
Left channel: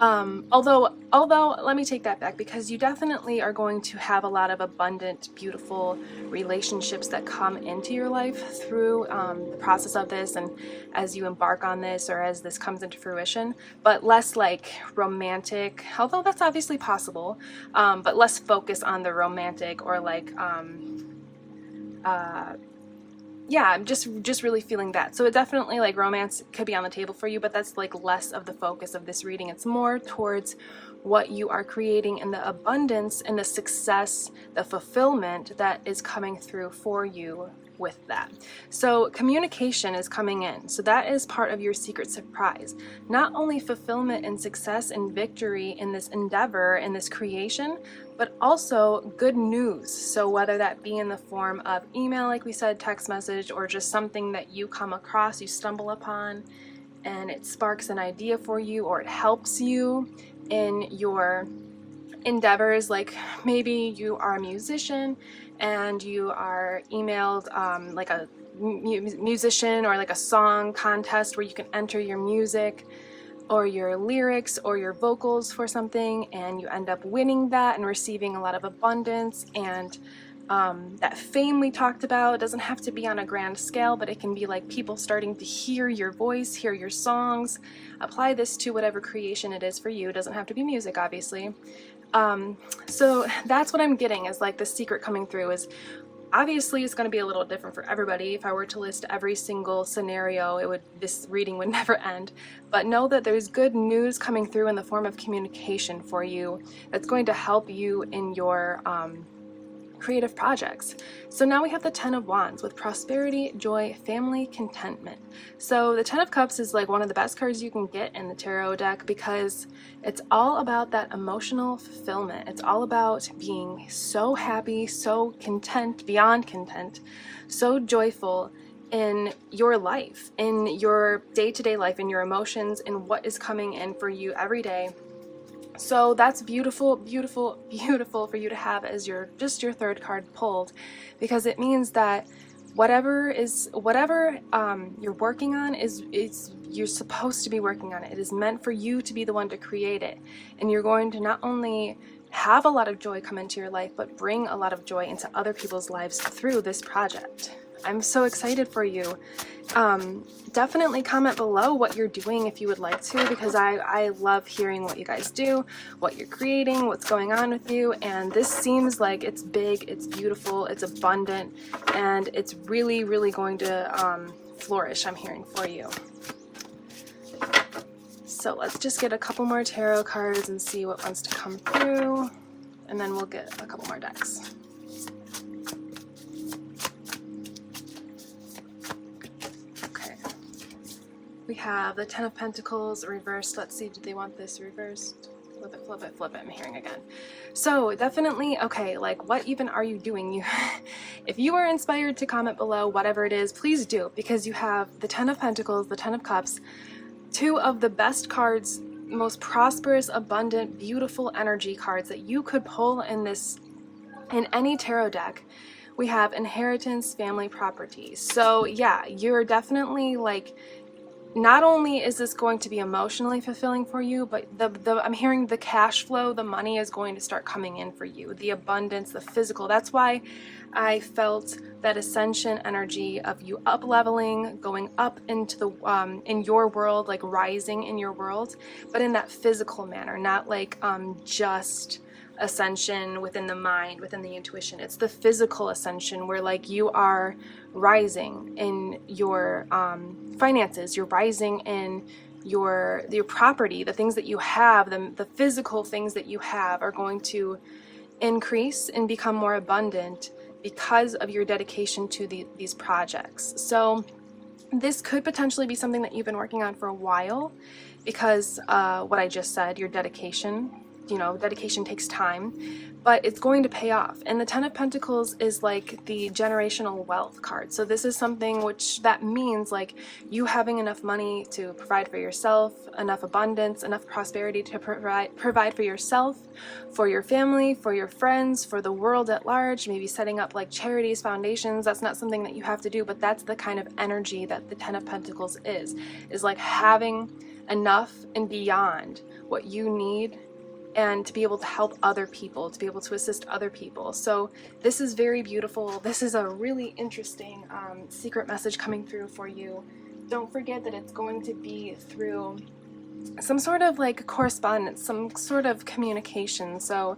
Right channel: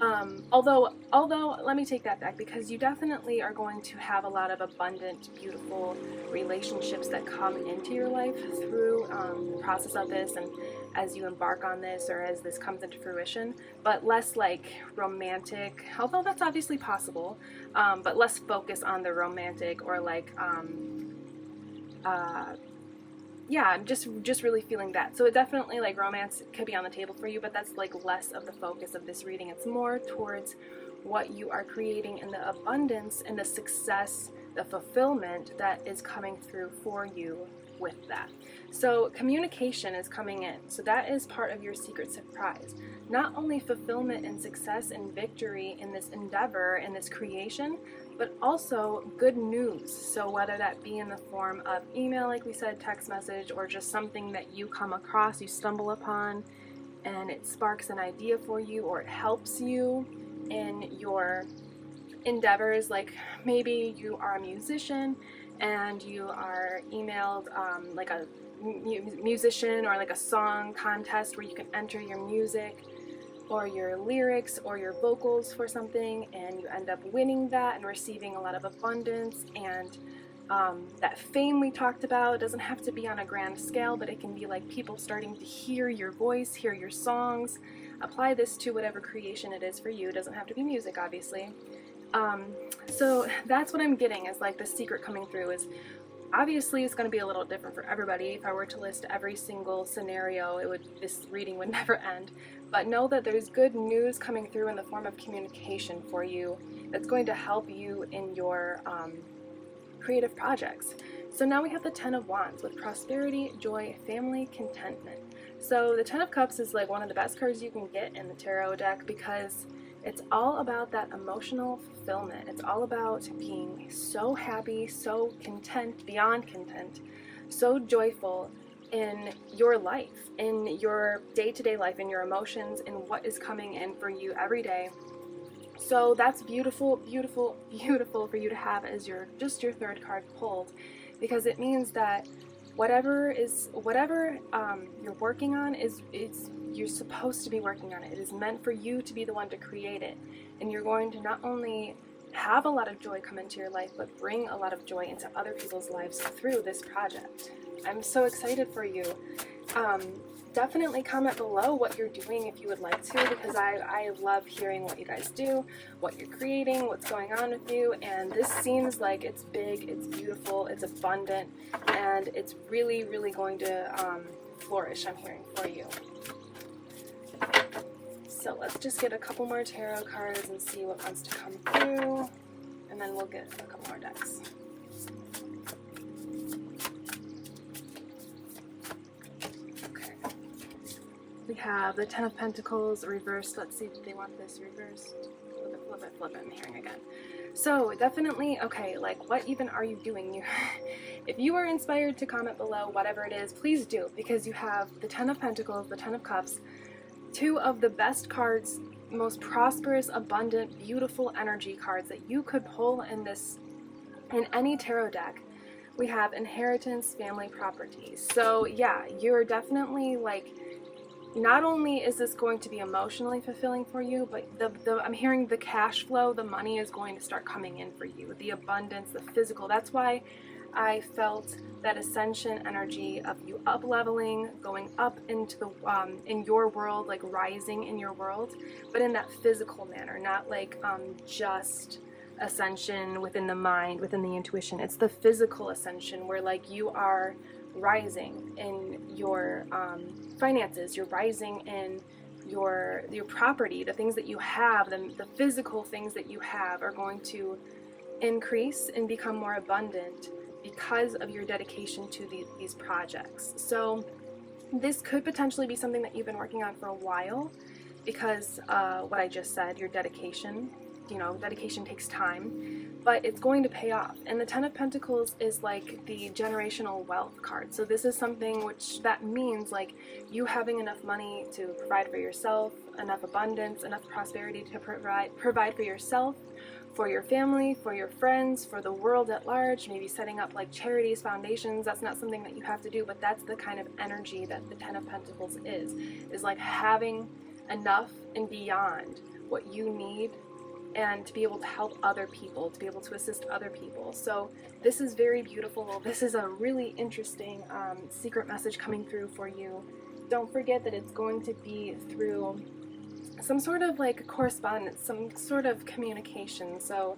Although let me take that back, because you definitely are going to have a lot of abundant, beautiful relationships that come into your life through the process of this, and as you embark on this, or as this comes into fruition, but less like romantic, although that's obviously possible, but less focus on the romantic, or like yeah, I'm just really feeling that. So it definitely, like, romance could be on the table for you, but that's like less of the focus of this reading. It's more towards what you are creating and the abundance and the success, the fulfillment that is coming through for you with that. So communication is coming in. So that is part of your secret surprise. Not only fulfillment and success and victory in this endeavor, in this creation, but also good news. So whether that be in the form of email, like we said, text message, or just something that you come across, you stumble upon, and it sparks an idea for you, or it helps you in your endeavors. Like maybe you are a musician and you are emailed like a musician or like a song contest where you can enter your music or your lyrics or your vocals for something, and you end up winning that and receiving a lot of abundance and that fame we talked about. It doesn't have to be on a grand scale, but it can be like people starting to hear your voice, hear your songs. Apply this to whatever creation it is for you. It doesn't have to be music, obviously. So that's what I'm getting, is like the secret coming through is, obviously it's going to be a little different for everybody. If I were to list every single scenario, this reading would never end. But know that there's good news coming through in the form of communication for you that's going to help you in your creative projects. So now we have the Ten of Wands with prosperity, joy, family, contentment. So the Ten of Cups is like one of the best cards you can get in the tarot deck, because it's all about that emotional fulfillment. It's all about being so happy, so content, beyond content, so joyful in your life, in your day-to-day life, in your emotions, in what is coming in for you every day. So that's beautiful, beautiful, beautiful for you to have as your third card pulled, because it means that whatever you're working on you're supposed to be working on it. It is meant for you to be the one to create it, and you're going to not only have a lot of joy come into your life, but bring a lot of joy into other people's lives through this project. I'm so excited for you. Definitely comment below what you're doing if you would like to, because I love hearing what you guys do, what you're creating, what's going on with you. And this seems like it's big, it's beautiful, it's abundant, and it's really, really going to flourish, I'm hearing, for you. So let's just get a couple more tarot cards and see what wants to come through, and then we'll get a couple more decks. We have the Ten of Pentacles reversed. Let's see, do they want this reversed? Flip it, flip it, flip it. I'm hearing again. So definitely, okay, like what even are you doing? If you are inspired to comment below, whatever it is, please do, because you have the Ten of Pentacles, the Ten of Cups, two of the best cards, most prosperous, abundant, beautiful energy cards that you could pull in any tarot deck. We have inheritance, family, property. So yeah, you're definitely like, not only is this going to be emotionally fulfilling for you, but I'm hearing the cash flow, the money is going to start coming in for you, the abundance, the physical. That's why I felt that ascension energy of you up leveling, going up into the in your world, like rising in your world, but in that physical manner, not like just ascension within the mind, within the intuition. It's the physical ascension where like you are rising in your finances, you're rising in your property, the things that you have, the physical things that you have are going to increase and become more abundant because of your dedication to these projects. So this could potentially be something that you've been working on for a while, because what I just said, your dedication, you know, dedication takes time, but it's going to pay off. And the Ten of Pentacles is like the generational wealth card. So this is something which that means like you having enough money to provide for yourself, enough abundance, enough prosperity to provide for yourself, for your family, for your friends, for the world at large, maybe setting up like charities, foundations. That's not something that you have to do, but that's the kind of energy that the Ten of Pentacles is like having enough and beyond what you need, and to be able to help other people, to be able to assist other people. So this is very beautiful. This is a really interesting secret message coming through for you. Don't forget that it's going to be through some sort of like correspondence, some sort of communication. So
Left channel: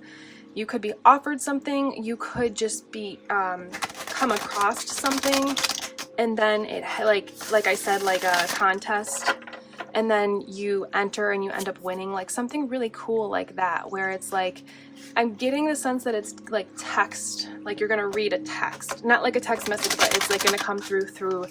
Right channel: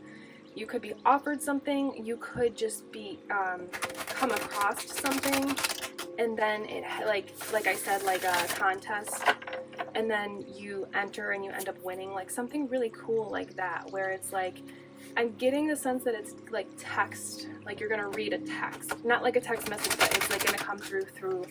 you could be offered something, you could just be come across something, and then it like I said, like a contest, and then you enter and you end up winning, like something really cool like that, where it's like, I'm getting the sense that it's like text, like you're gonna read a text, not like a text message, but it's like gonna come through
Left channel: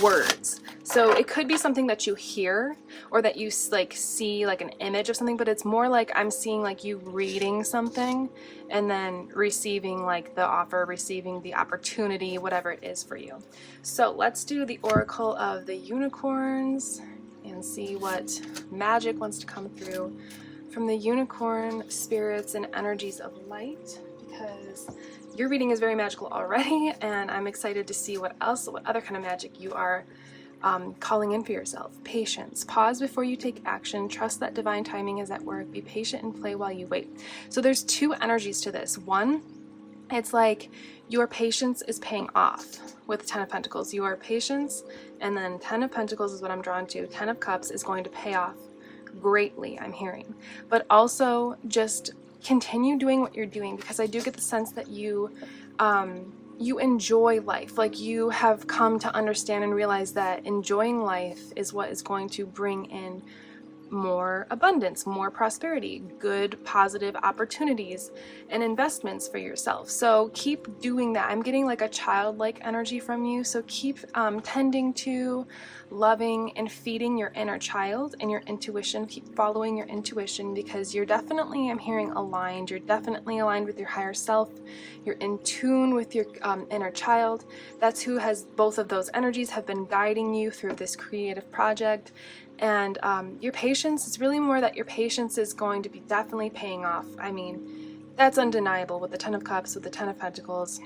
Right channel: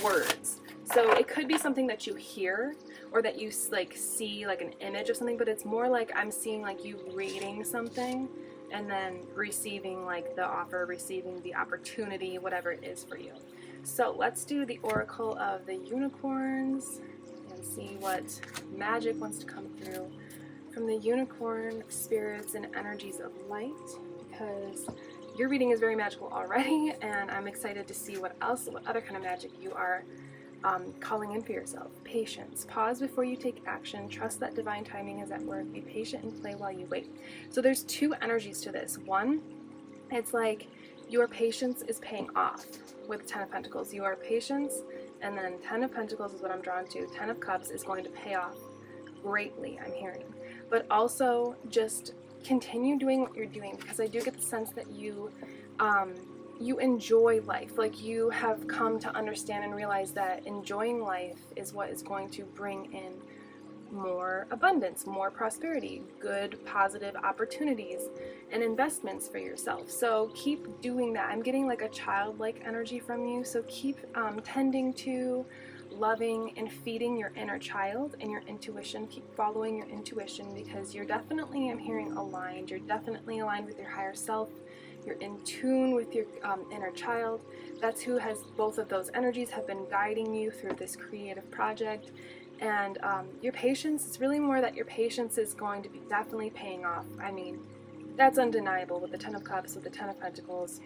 words. So it could be something that you hear, or that you like see like an image of something, but it's more like I'm seeing like you reading something and then receiving like the offer, receiving the opportunity, whatever it is for you. So let's do the Oracle of the Unicorns and see what magic wants to come through from the unicorn spirits and energies of light, because your reading is very magical already, and I'm excited to see what other kind of magic you are calling in for yourself. Patience. Pause before you take action. Trust that divine timing is at work. Be patient and play while you wait. So there's two energies to this. One, it's like your patience is paying off with Ten of Pentacles. Your patience, and then Ten of Pentacles is what I'm drawn to. Ten of Cups is going to pay off greatly, I'm hearing. But also just continue doing what you're doing, because I do get the sense that you enjoy life. Like you have come to understand and realize that enjoying life is what is going to bring in more abundance, more prosperity, good, positive opportunities and investments for yourself. So keep doing that. I'm getting like a childlike energy from you. So keep tending to, loving, and feeding your inner child and your intuition. Keep following your intuition, because you're definitely, I'm hearing, aligned. You're definitely aligned with your higher self. You're in tune with your inner child. That's who has both of those energies, have been guiding you through this creative project. And your patience is really more that your patience is going to be definitely paying off. I mean, that's undeniable with the Ten of Cups, with the Ten of Pentacles.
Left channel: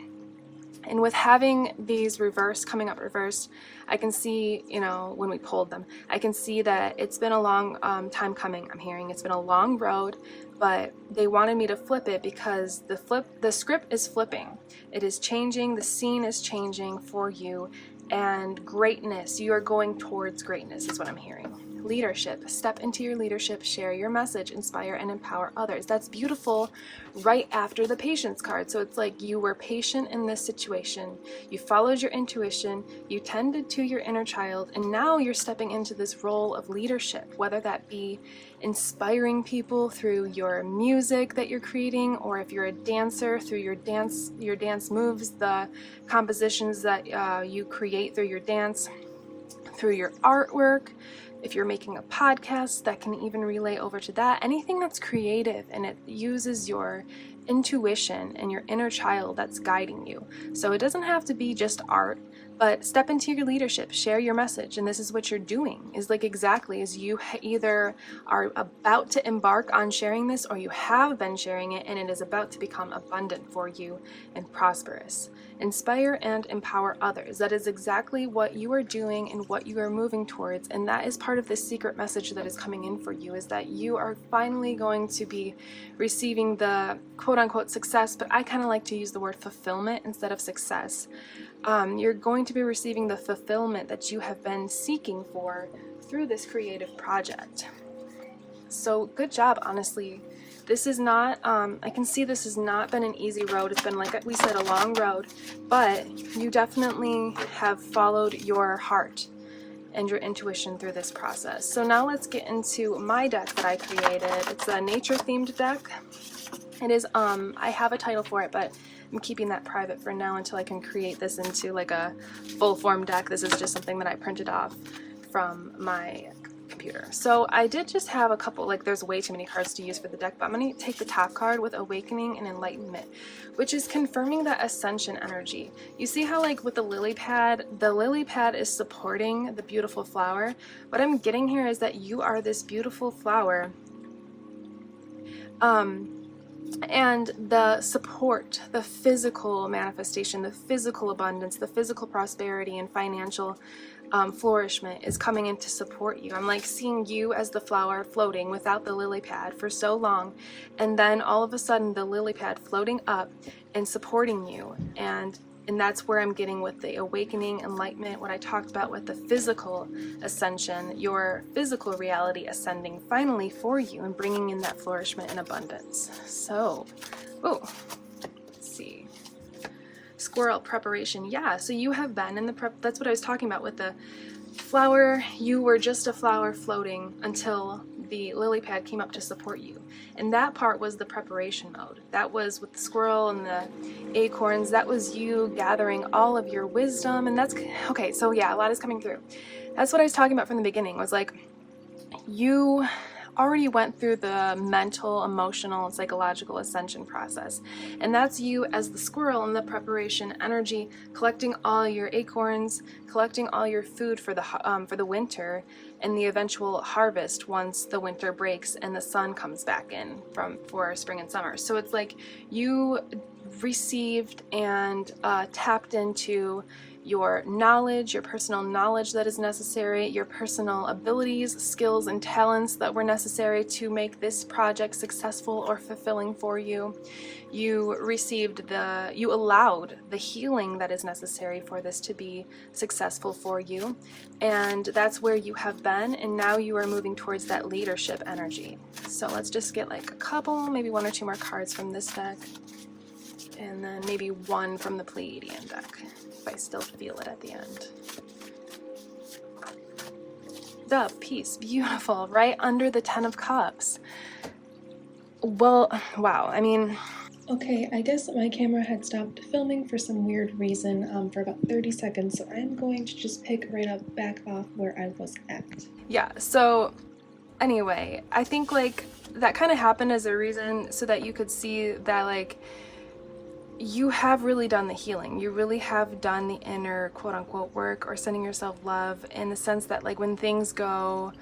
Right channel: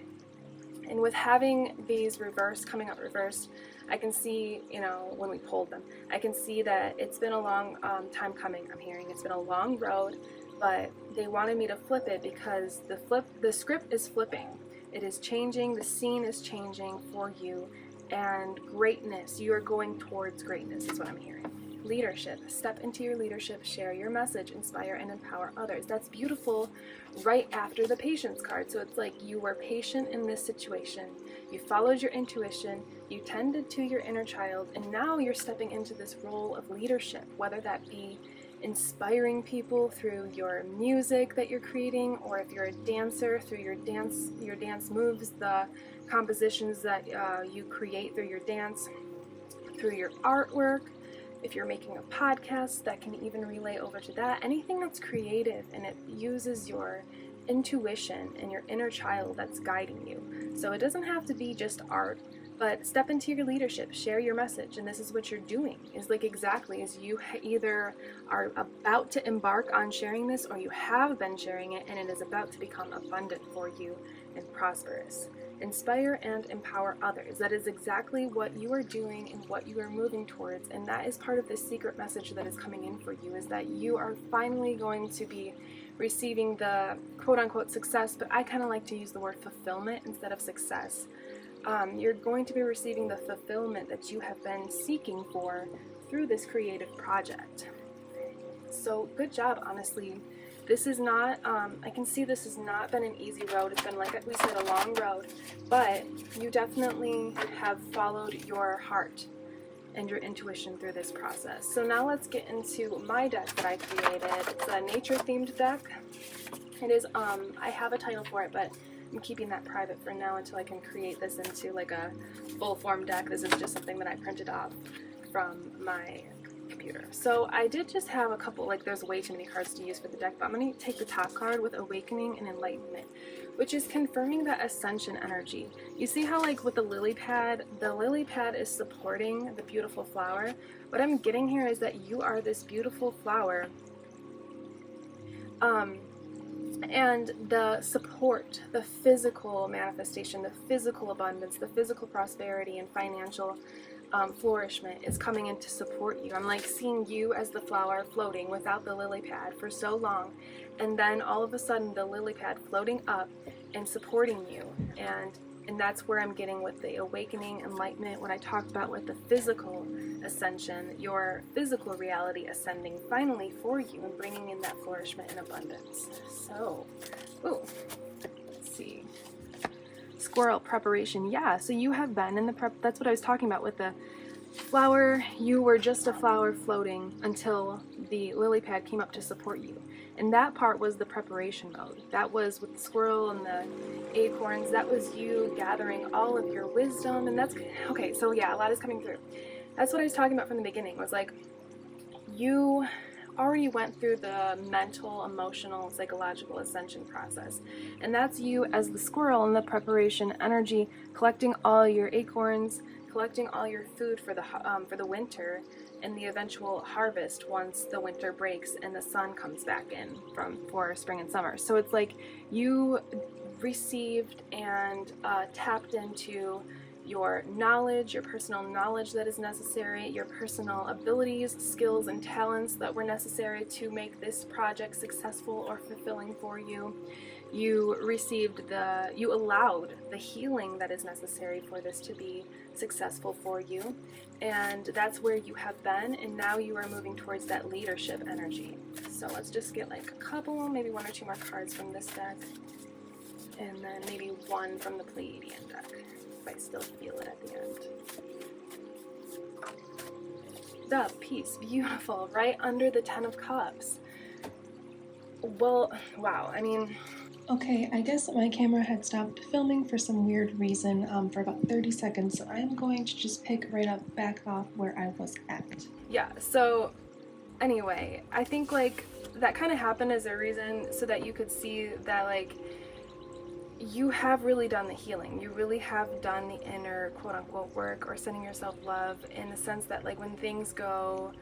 And with having these coming up reversed, I can see, you know, when we pulled them, I can see that it's been a long time coming. I'm hearing it's been a long road, but they wanted me to flip it because the script is flipping. It is changing. The scene is changing for you. and greatness. You are going towards greatness is what I'm hearing. Leadership. Step into your leadership, share your message, inspire and empower others. That's beautiful right after the patience card. So it's like you were patient in this situation, you followed your intuition, you tended to your inner child, and now you're stepping into this role of leadership, whether that be inspiring people through your music that you're creating, or if you're a dancer, through your dance moves, the compositions that you create through your dance, through your artwork. If you're making a podcast, that can even relay over to that. Anything that's creative and it uses your intuition and your inner child that's guiding you. So it doesn't have to be just art, but step into your leadership, share your message, and this is what you're doing. Is like exactly as you either are about to embark on sharing this, or you have been sharing it and it is about to become abundant for you and prosperous. Inspire and empower others. That is exactly what you are doing and what you are moving towards, and that is part of this secret message that is coming in for you, is that you are finally going to be receiving the quote-unquote success, but I kind of like to use the word fulfillment instead of success. You're going to be receiving the fulfillment that you have been seeking for through this creative project. So good job, honestly. This is not, I can see this has not been an easy road. It's been, like we said, a long road, but you definitely have followed your heart and your intuition through this process. So now let's get into my deck that I created. It's a nature themed deck. It is, I have a title for it, but I'm keeping that private for now until I can create this into like a full form deck. This is just something that I printed off from my computer. So I did just have a couple, like there's way too many cards to use for the deck, but I'm going to take the top card with Awakening and Enlightenment, which is confirming that ascension energy. You see how like with the lily pad is supporting the beautiful flower. What I'm getting here is that you are this beautiful flower. And the support, the physical manifestation, the physical abundance, the physical prosperity and financial flourishment is coming in to support you. I'm like seeing you as the flower floating without the lily pad for so long, and then all of a sudden the lily pad floating up and supporting you, and that's where I'm getting with the awakening, enlightenment, what I talked about with the physical ascension, your physical reality ascending finally for you and bringing in that flourishment and abundance. So, let's see. Squirrel preparation. Yeah, so you have been in the prep. That's what I was talking about with the flower. You were just a flower floating until the lily pad came up to support you. And that part was the preparation mode. That was with the squirrel and the acorns. That was you gathering all of your wisdom. And that's okay. So yeah, a lot is coming through. That's what I was talking about from the beginning, was like you already went through the mental, emotional, and psychological ascension process. And that's you as the squirrel in the preparation energy, collecting all your acorns, collecting all your food for the winter and the eventual harvest once the winter breaks and the sun comes back in for spring and summer. So it's like you received and tapped into your knowledge, your personal knowledge that is necessary, your personal abilities, skills, and talents that were necessary to make this project successful or fulfilling for you. You allowed the healing that is necessary for this to be successful for you. And that's where you have been, and now you are moving towards that leadership energy. So let's just get like a couple, maybe one or two more cards from this deck, and then maybe one from the Pleiadian deck, if I still feel it at the end. The Peace, beautiful, right under the 10 of Cups. Well, wow, I mean, okay, I guess my camera had stopped filming for some weird reason for about 30 seconds, so I'm going to just pick right up back off where I was at. Yeah, so anyway, I think like that kind of happened as a reason so that you could see that like you have really done the healing. You really have done the inner quote-unquote work or sending yourself love, in the sense that like when things go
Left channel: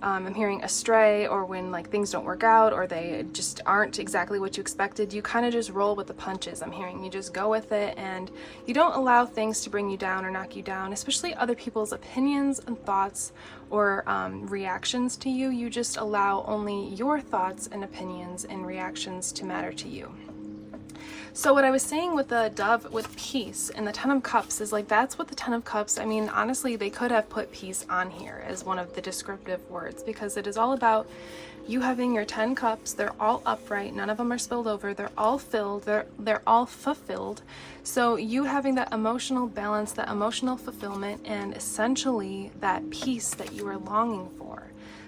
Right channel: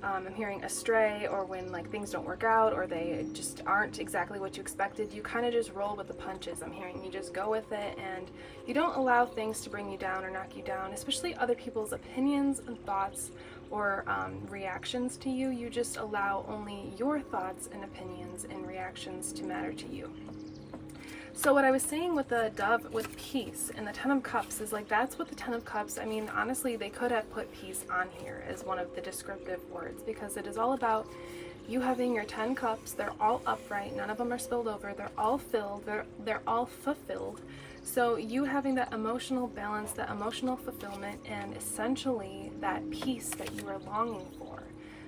I'm hearing astray, or when like things don't work out or they just aren't exactly what you expected, you kind of just roll with the punches. I'm hearing you just go with it, and you don't allow things to bring you down or knock you down, especially other people's opinions and thoughts or reactions to you. You just allow only your thoughts and opinions and reactions to matter to you. So what I was saying with the dove with peace and the 10 of cups is like, that's what the 10 of cups, I mean, honestly, they could have put peace on here as one of the descriptive words, because it is all about you having your 10 cups. They're all upright, none of them are spilled over, they're all filled, they're all fulfilled. So you having that emotional balance, that emotional fulfillment, and essentially that peace that you are longing for.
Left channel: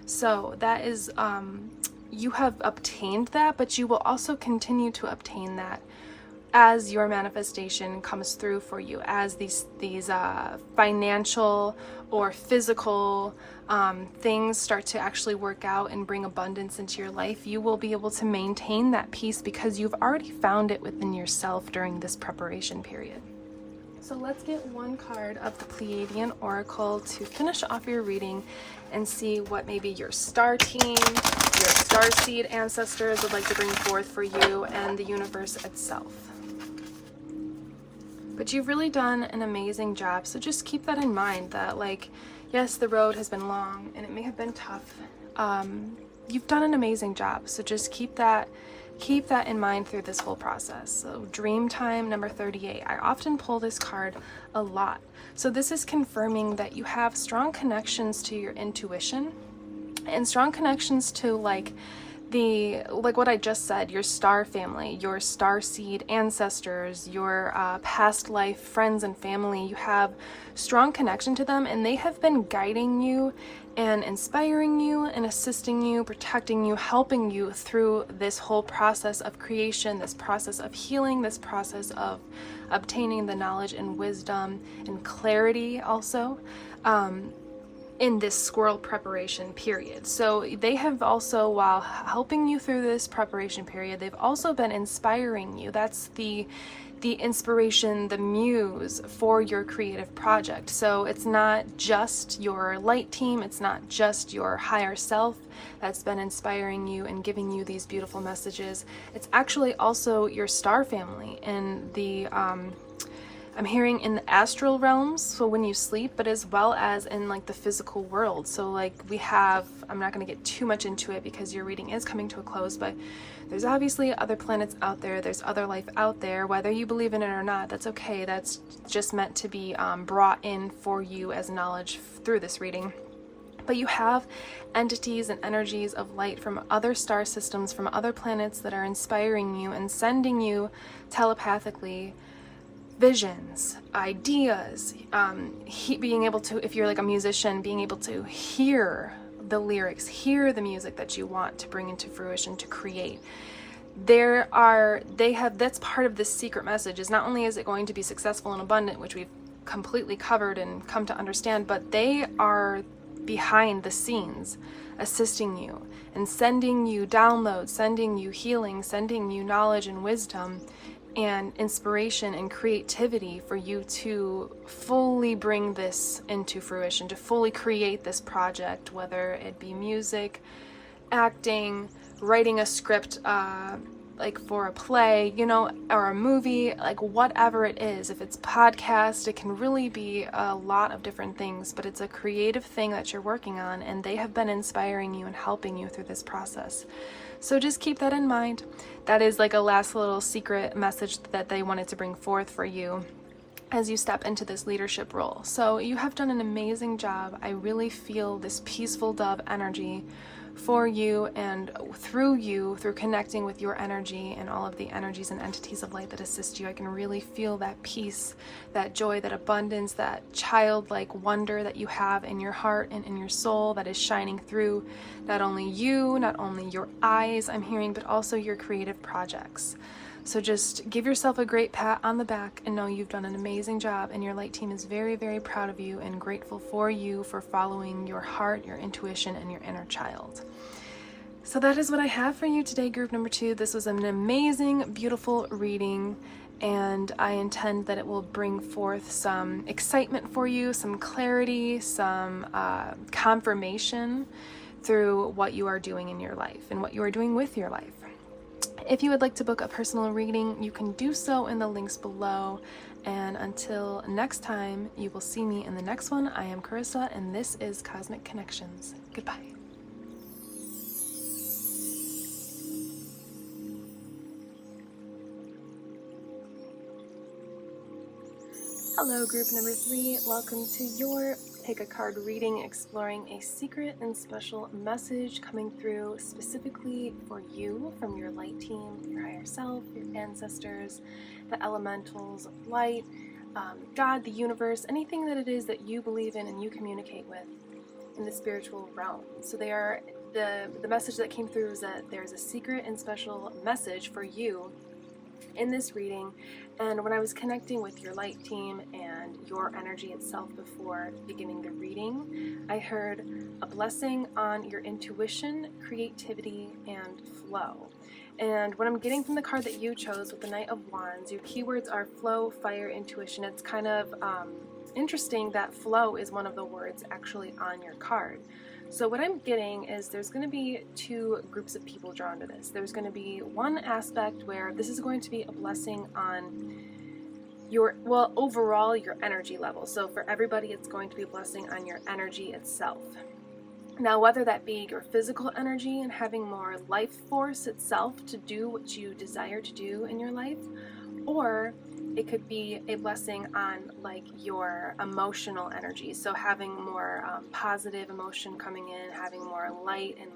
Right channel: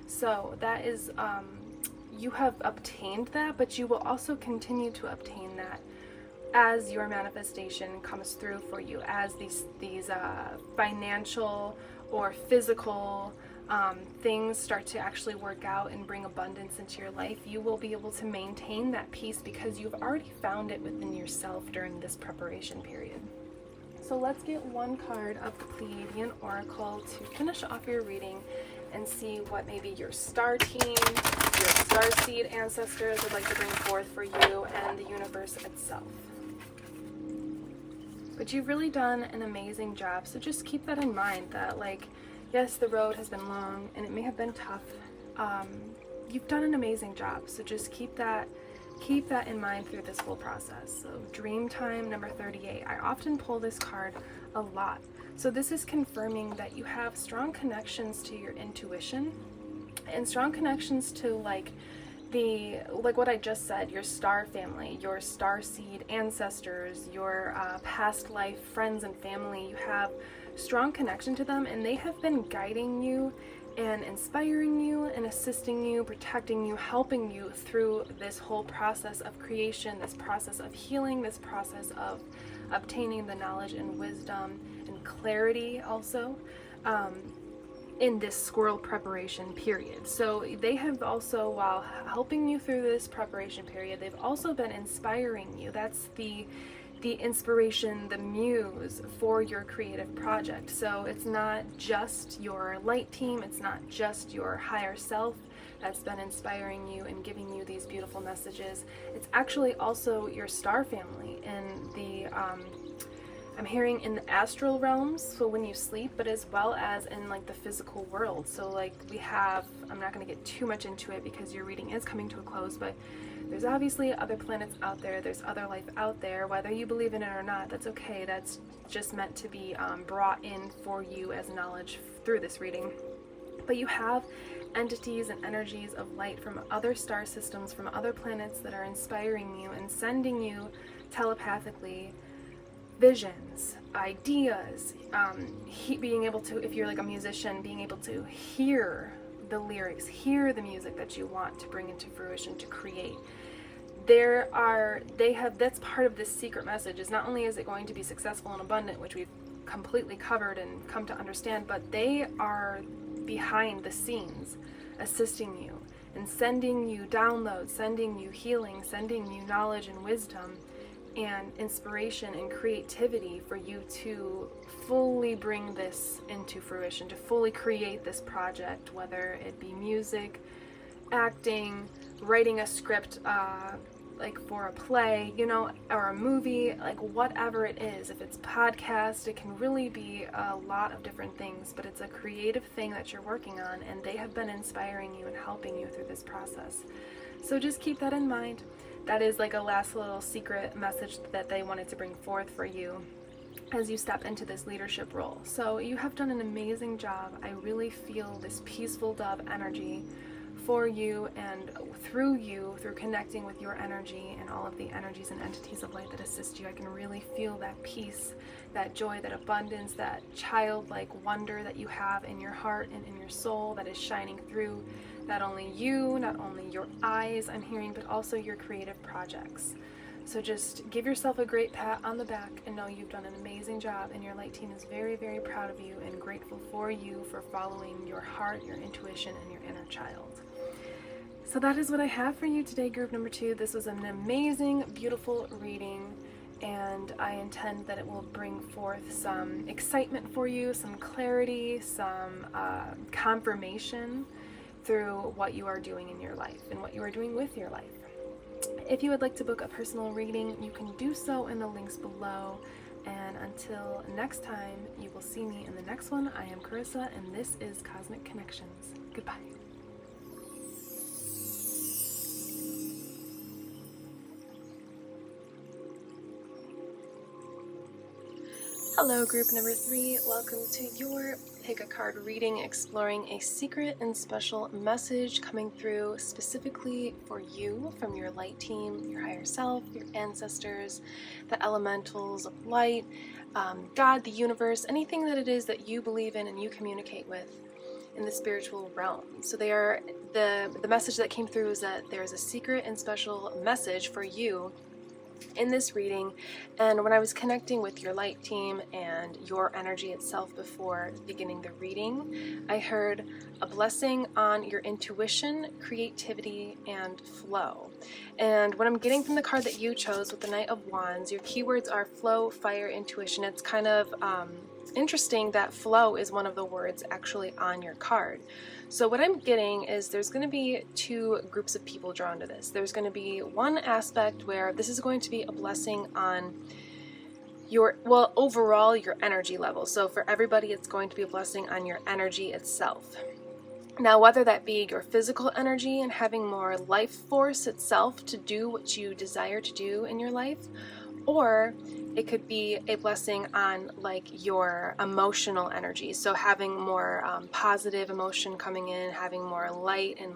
So that is, you have obtained that, but you will also continue to obtain that as your manifestation comes through for you, as these financial or physical things start to actually work out and bring abundance into your life. You will be able to maintain that peace because you've already found it within yourself during this preparation period. So let's get one card of the Pleiadian Oracle to finish off your reading and see what maybe your star team, your starseed ancestors would like to bring forth for you and the universe itself. But you've really done an amazing job, so just keep that in mind, that like, yes, the road has been long and it may have been tough. You've done an amazing job, so just keep that in mind through this whole process. So dream time number 38. I often pull this card a lot. So this is confirming that you have strong connections to your intuition and strong connections to like what I just said, your star family, your starseed ancestors, your past life friends and family. You have strong connection to them, and they have been guiding you and inspiring you and assisting you, protecting you, helping you through this whole process of creation, this process of healing, this process of obtaining the knowledge and wisdom and clarity also. In this squirrel preparation period. So they have also, while helping you through this preparation period, they've also been inspiring you. That's the inspiration, the muse for your creative project. So it's not just your light team, it's not just your higher self that's been inspiring you and giving you these beautiful messages. It's actually also your star family and the I'm hearing in the astral realms, so when you sleep, but as well as in like the physical world. So like we have, I'm not going to get too much into it because your reading is coming to a close, but there's obviously other planets out there, there's other life out there, whether you believe in it or not, that's okay. That's just meant to be brought in for you as knowledge through this reading. But you have entities and energies of light from other star systems, from other planets that are inspiring you and sending you telepathically visions, ideas, being able to, if you're like a musician, being able to hear the lyrics, hear the music that you want to bring into fruition, to create. That's part of this secret message, is not only is it going to be successful and abundant, which we've completely covered and come to understand, but they are behind the scenes assisting you and sending you downloads, sending you healing, sending you knowledge and wisdom and inspiration and creativity for you to fully bring this into fruition, to fully create this project, whether it be music, acting, writing a script, like for a play, you know, or a movie, like whatever it is. If it's podcast, it can really be a lot of different things, but it's a creative thing that you're working on, and they have been inspiring you and helping you through this process. So just keep that in mind. That is like a last little secret message that they wanted to bring forth for you as you step into this leadership role. So you have done an amazing job. I really feel this peaceful dove energy for you and through connecting with your energy and all of the energies and entities of light that assist you. I can really feel that peace, that joy, that abundance, that childlike wonder that you have in your heart and in your soul that is shining through not only you, not only your eyes I'm hearing, but also your creative projects. So just give yourself a great pat on the back and know you've done an amazing job, and your light team is very, very proud of you and grateful for you for following your heart, your intuition, and your inner child. So that is what I have for you today, group number 2. This was an amazing, beautiful reading, and I intend that it will bring forth some excitement for you, some clarity, some confirmation through what you are doing in your life and what you are doing with your life. If you would like to book a personal reading, you can do so in the links below. And until next time, you will see me in the next one. I am Carissa, and this is Cosmic Connections. Goodbye. Hello, group number 3. Welcome to your pick a card reading, exploring a secret and special message coming through specifically for you from your light team, your higher self, your ancestors, the elementals of light, God, the universe, anything that it is that you believe in and you communicate with in the spiritual realm. So they are the message that came through is that there is a secret and special message for you in this reading. And when I was connecting with your light team and your energy itself before beginning the reading, I heard a blessing on your intuition, creativity, and flow. And what I'm getting from the card that you chose with the Knight of Wands, your keywords are flow, fire, intuition. It's kind of interesting that flow is one of the words actually on your card. So what I'm getting is there's going to be two groups of people drawn to this. There's going to be one aspect where this is going to be a blessing on your, well, overall your energy level. So for everybody, it's going to be a blessing on your energy itself. Now, whether that be your physical energy and having more life force itself to do what you desire to do in your life, or it could be a blessing on like your emotional energy. So having more positive emotion coming in, having more light and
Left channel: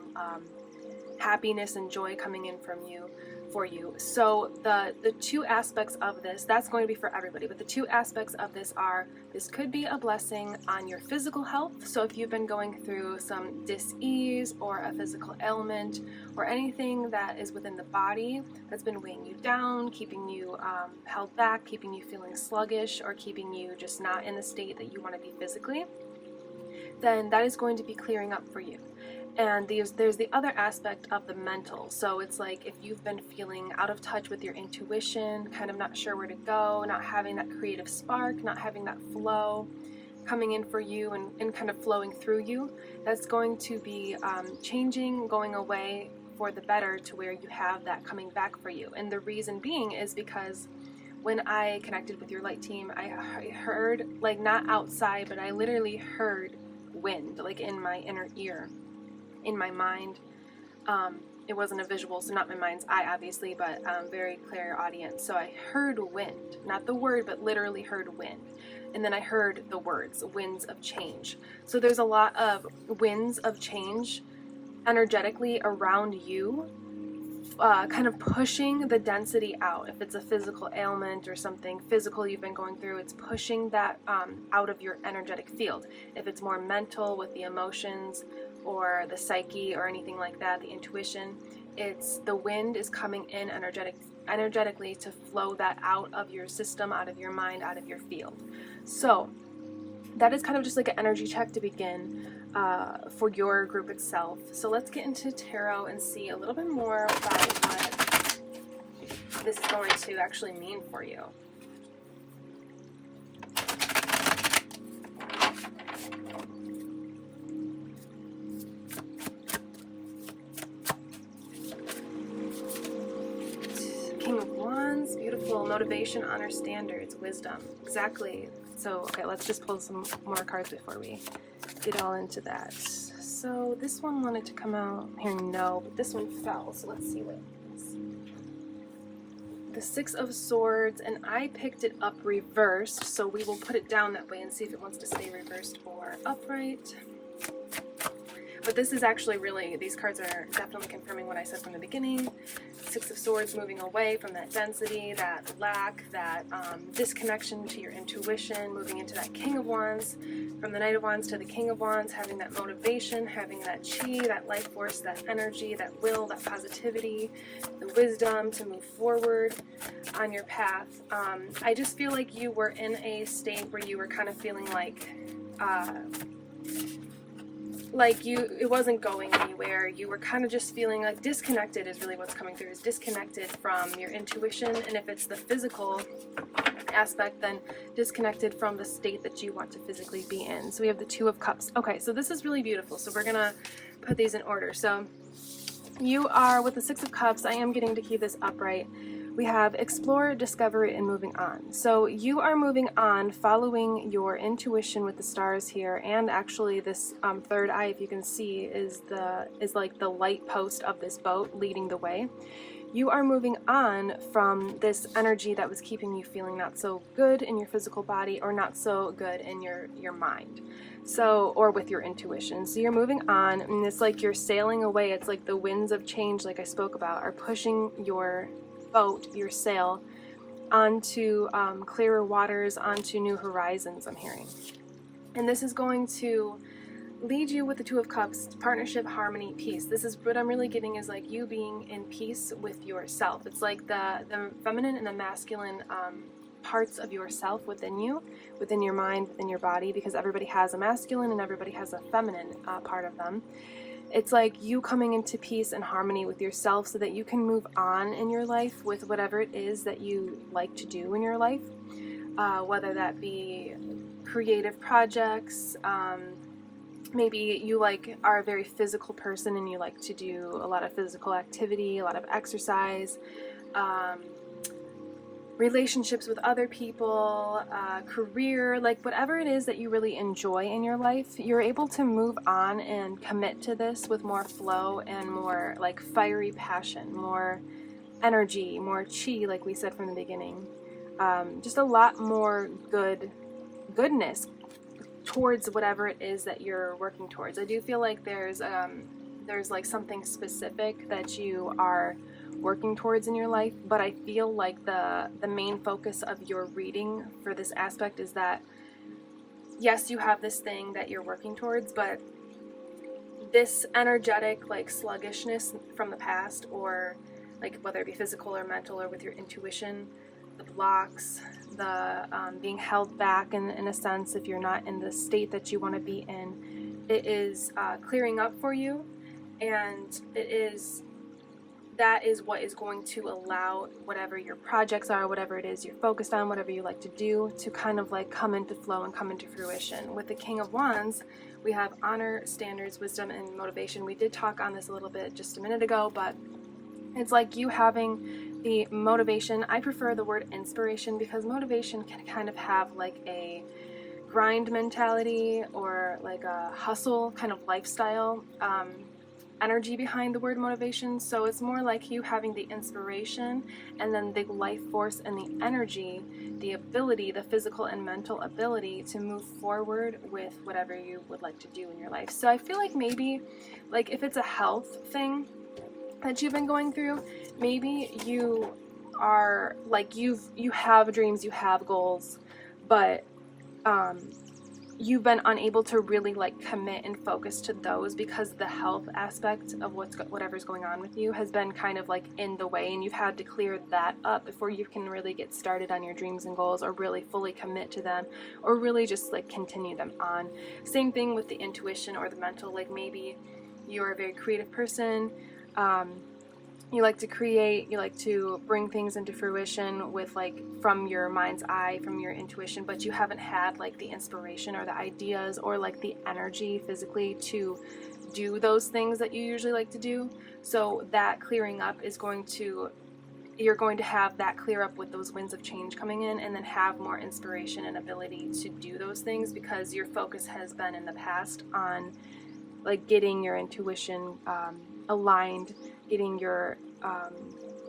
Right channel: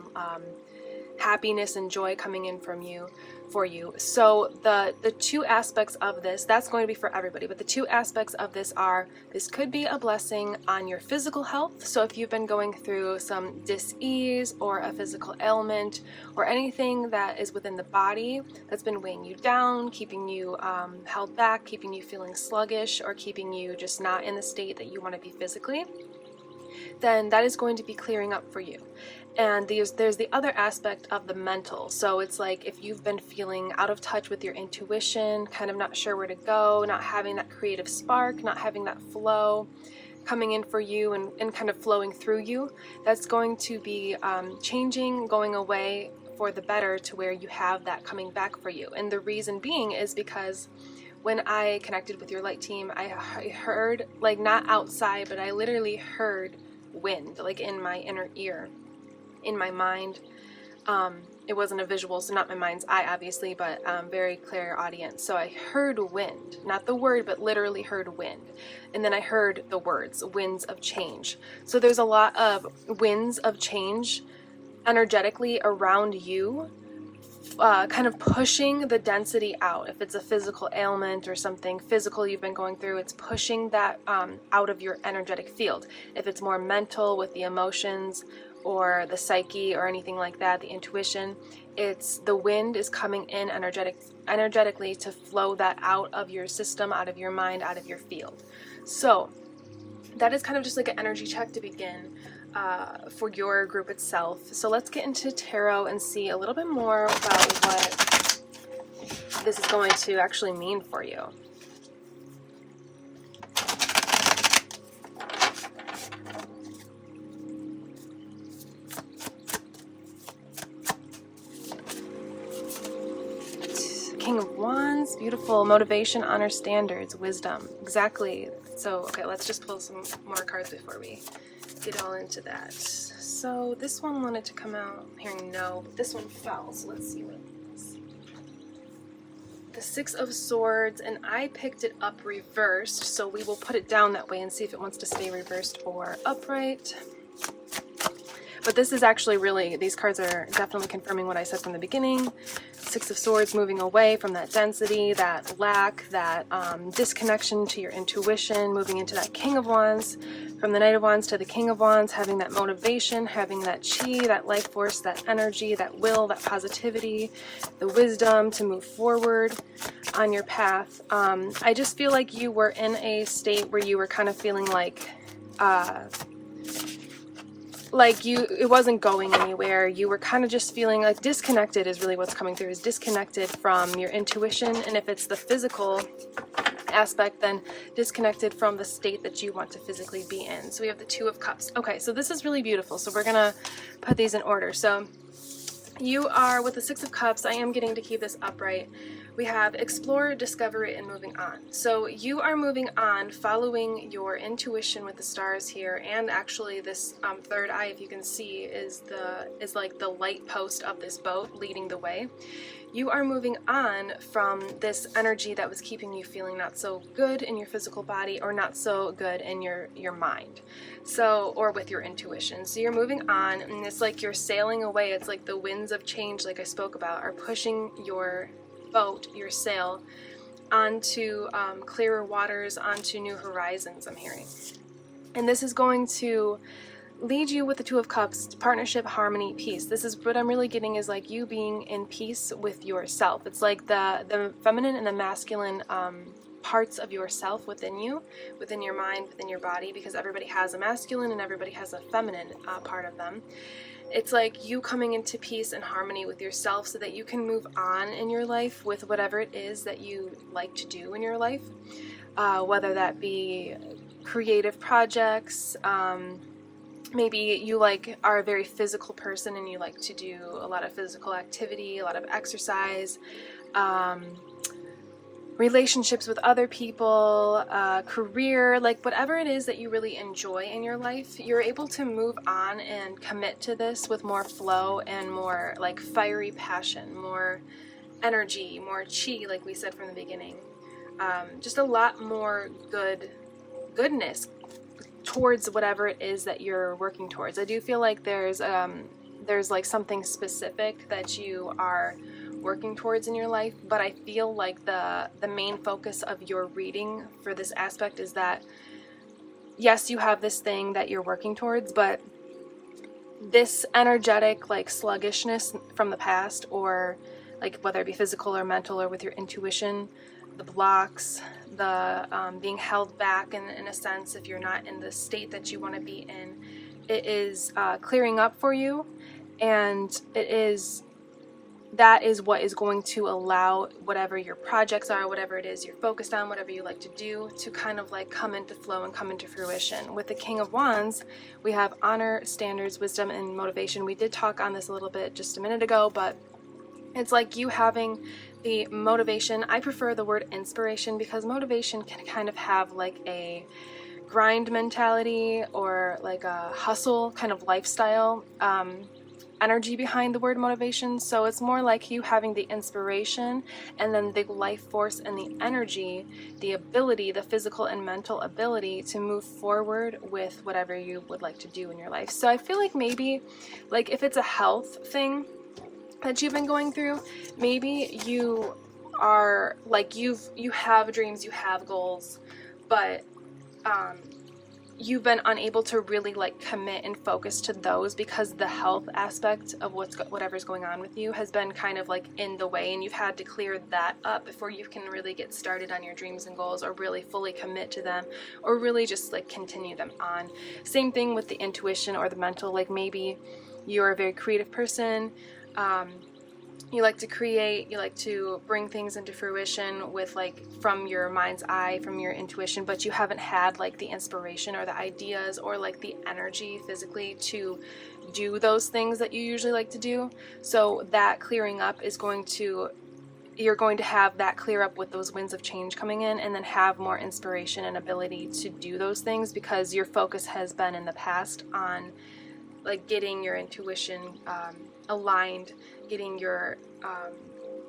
happiness and joy coming in from you, for you. So the two aspects of this, that's going to be for everybody, but the two aspects of this are, this could be a blessing on your physical health. So if you've been going through some dis-ease or a physical ailment or anything that is within the body that's been weighing you down, keeping you held back, keeping you feeling sluggish, or keeping you just not in the state that you want to be physically, then that is going to be clearing up for you. And there's the other aspect of the mental. So it's like if you've been feeling out of touch with your intuition, kind of not sure where to go, not having that creative spark, not having that flow coming in for you and kind of flowing through you, that's going to be changing, going away for the better to where you have that coming back for you. And the reason being is because when I connected with your light team, I heard, like not outside, but I literally heard wind, like in my inner ear. In my mind. It wasn't a visual, so not my mind's eye obviously, but very clear audience. So I heard wind, not the word, but literally heard wind. And then I heard the words, winds of change. So there's a lot of winds of change energetically around you, kind of pushing the density out. If it's a physical ailment or something physical you've been going through, it's pushing that out of your energetic field. If it's more mental with the emotions or the psyche or anything like that, the intuition, it's the wind is coming in energetically to flow that out of your system, out of your mind, out of your field. So that is kind of just like an energy check to begin for your group itself. So let's get into tarot and see a little bit more about what this is going to actually mean for you. King of Wands, beautiful. Motivation, honor, standards, wisdom. Exactly. So, okay, let's just pull some more cards before we get all into that. So this one wanted to come out here, no, but this one fell. So let's see what it is. The Six of Swords, and I picked it up reversed, so we will put it down that way and see if it wants to stay reversed or upright. But this is actually really, these cards are definitely confirming what I said from the beginning. Six of Swords, moving away from that density, that lack, that disconnection to your intuition, moving into that King of Wands, from the Knight of Wands to the King of Wands, having that motivation, having that chi, that life force, that energy, that will, that positivity, the wisdom to move forward on your path. I just feel like you were in a state where you were kind of feeling like it wasn't going anywhere. You were kind of just feeling like disconnected is really what's coming through, is disconnected from your intuition. And if it's the physical aspect, then disconnected from the state that you want to physically be in. So we have the Two of Cups. Okay, so this is really beautiful. So we're gonna put these in order. So you are with the Six of Cups. I am getting to keep this upright. We have explore, discovery, and moving on. So you are moving on, following your intuition with the stars here, and actually this third eye, if you can see, is like the light post of this boat leading the way. you are moving on from this energy that was keeping you feeling not so good in your physical body or not so good in your mind. So, or with your intuition. So you're moving on, and it's like you're sailing away. It's like the winds of change, like I spoke about, are pushing your boat, your sail, onto clearer waters, onto new horizons, I'm hearing. And this is going to lead you with the Two of Cups to partnership, harmony, peace. This is what I'm really getting, is like you being in peace with yourself. It's like the feminine and the masculine parts of yourself within you, within your mind, within your body, because everybody has a masculine and everybody has a feminine part of them. It's like you coming into peace and harmony with yourself so that you can move on in your life with whatever it is that you like to do in your life, whether that be creative projects, maybe you are a very physical person and you like to do a lot of physical activity, a lot of exercise, relationships with other people, career, like whatever it is that you really enjoy in your life, you're able to move on and commit to this with more flow and more like fiery passion, more energy, more chi, like we said from the beginning. Just a lot more goodness towards whatever it is that you're working towards. I do feel like there's like something specific that you are working towards in your life, but I feel like the main focus of your reading for this aspect is that yes, you have this thing that you're working towards, but this energetic like sluggishness from the past, or like whether it be physical or mental or with your intuition, the blocks, the being held back in a sense, if you're not in the state that you want to be in, it is clearing up for you, and that is what is going to allow whatever your projects are, whatever it is you're focused on, whatever you like to do, to kind of like come into flow and come into fruition. With the King of Wands, we have honor, standards, wisdom, and motivation. We did talk on this a little bit just a minute ago, but it's like you having the motivation. I prefer the word inspiration because motivation can kind of have like a grind mentality or like a hustle kind of lifestyle energy behind the word motivation. So it's more like you having the inspiration and then the life force and the energy, the ability, the physical and mental ability to move forward with whatever you would like to do in your life. So I feel like maybe like if it's a health thing that you've been going through, maybe you are like you have dreams, you have goals, but you've been unable to really like commit and focus to those because the health aspect of whatever's going on with you has been kind of like in the way, and you've had to clear that up before you can really get started on your dreams and goals, or really fully commit to them, or really just like continue them on. Same thing with the intuition or the mental, like maybe you're a very creative person, you like to create, you like to bring things into fruition with like from your mind's eye, from your intuition, but you haven't had like the inspiration or the ideas or like the energy physically to do those things that you usually like to do. So that clearing up is you're going to have that clear up with those winds of change coming in, and then have more inspiration and ability to do those things because your focus has been in the past on like getting your intuition aligned, getting your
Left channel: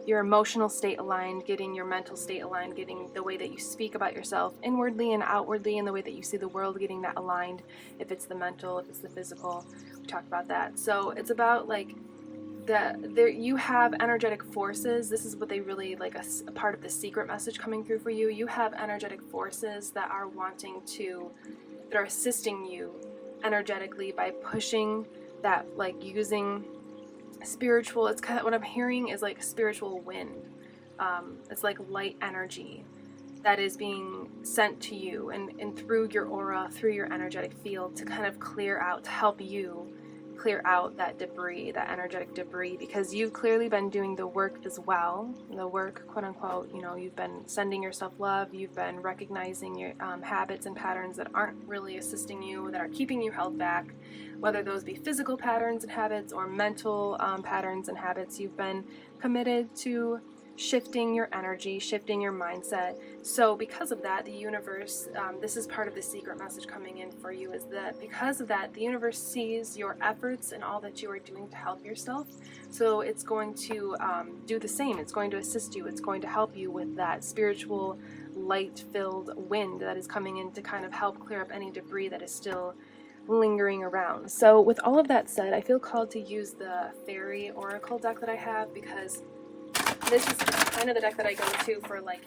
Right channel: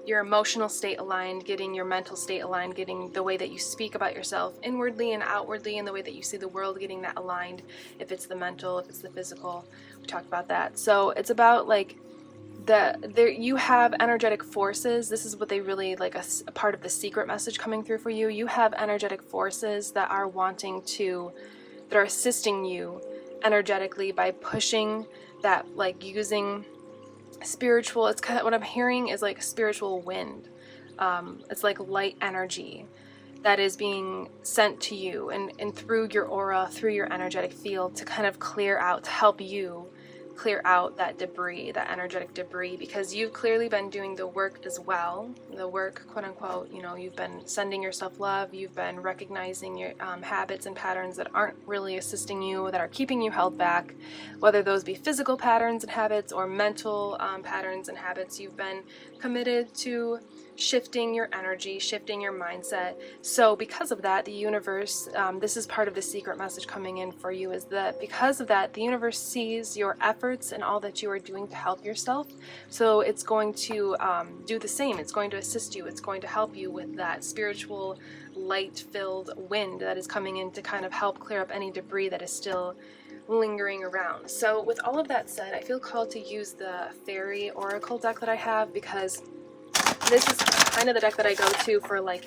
emotional state aligned, getting your mental state aligned, getting the way that you speak about yourself inwardly and outwardly, and the way that you see the world, getting that aligned. If it's the mental, if it's the physical, we talked about that. So it's about like you have energetic forces. This is what they really like a part of the secret message coming through for you. You have energetic forces that are that are assisting you energetically by pushing that, like using spiritual, it's kind of what I'm hearing is like spiritual wind. It's like light energy that is being sent to you and through your aura, through your energetic field, to kind of clear out, to help you clear out that debris, that energetic debris, because you've clearly been doing the work as well, the work, quote unquote, you've been sending yourself love, you've been recognizing your habits and patterns that aren't really assisting you, that are keeping you held back, whether those be physical patterns and habits or mental patterns and habits. You've been committed to shifting your energy, shifting your mindset. So because of that, the universe, this is part of the secret message coming in for you, is that because of that, the universe sees your efforts and all that you are doing to help yourself. So it's going to do the same. It's going to assist you. It's going to help you with that spiritual, light-filled wind that is coming in to kind of help clear up any debris that is still lingering around. So with all of that said, I feel called to use the Fairy Oracle deck that I have, because this is kind of the deck that I go to for like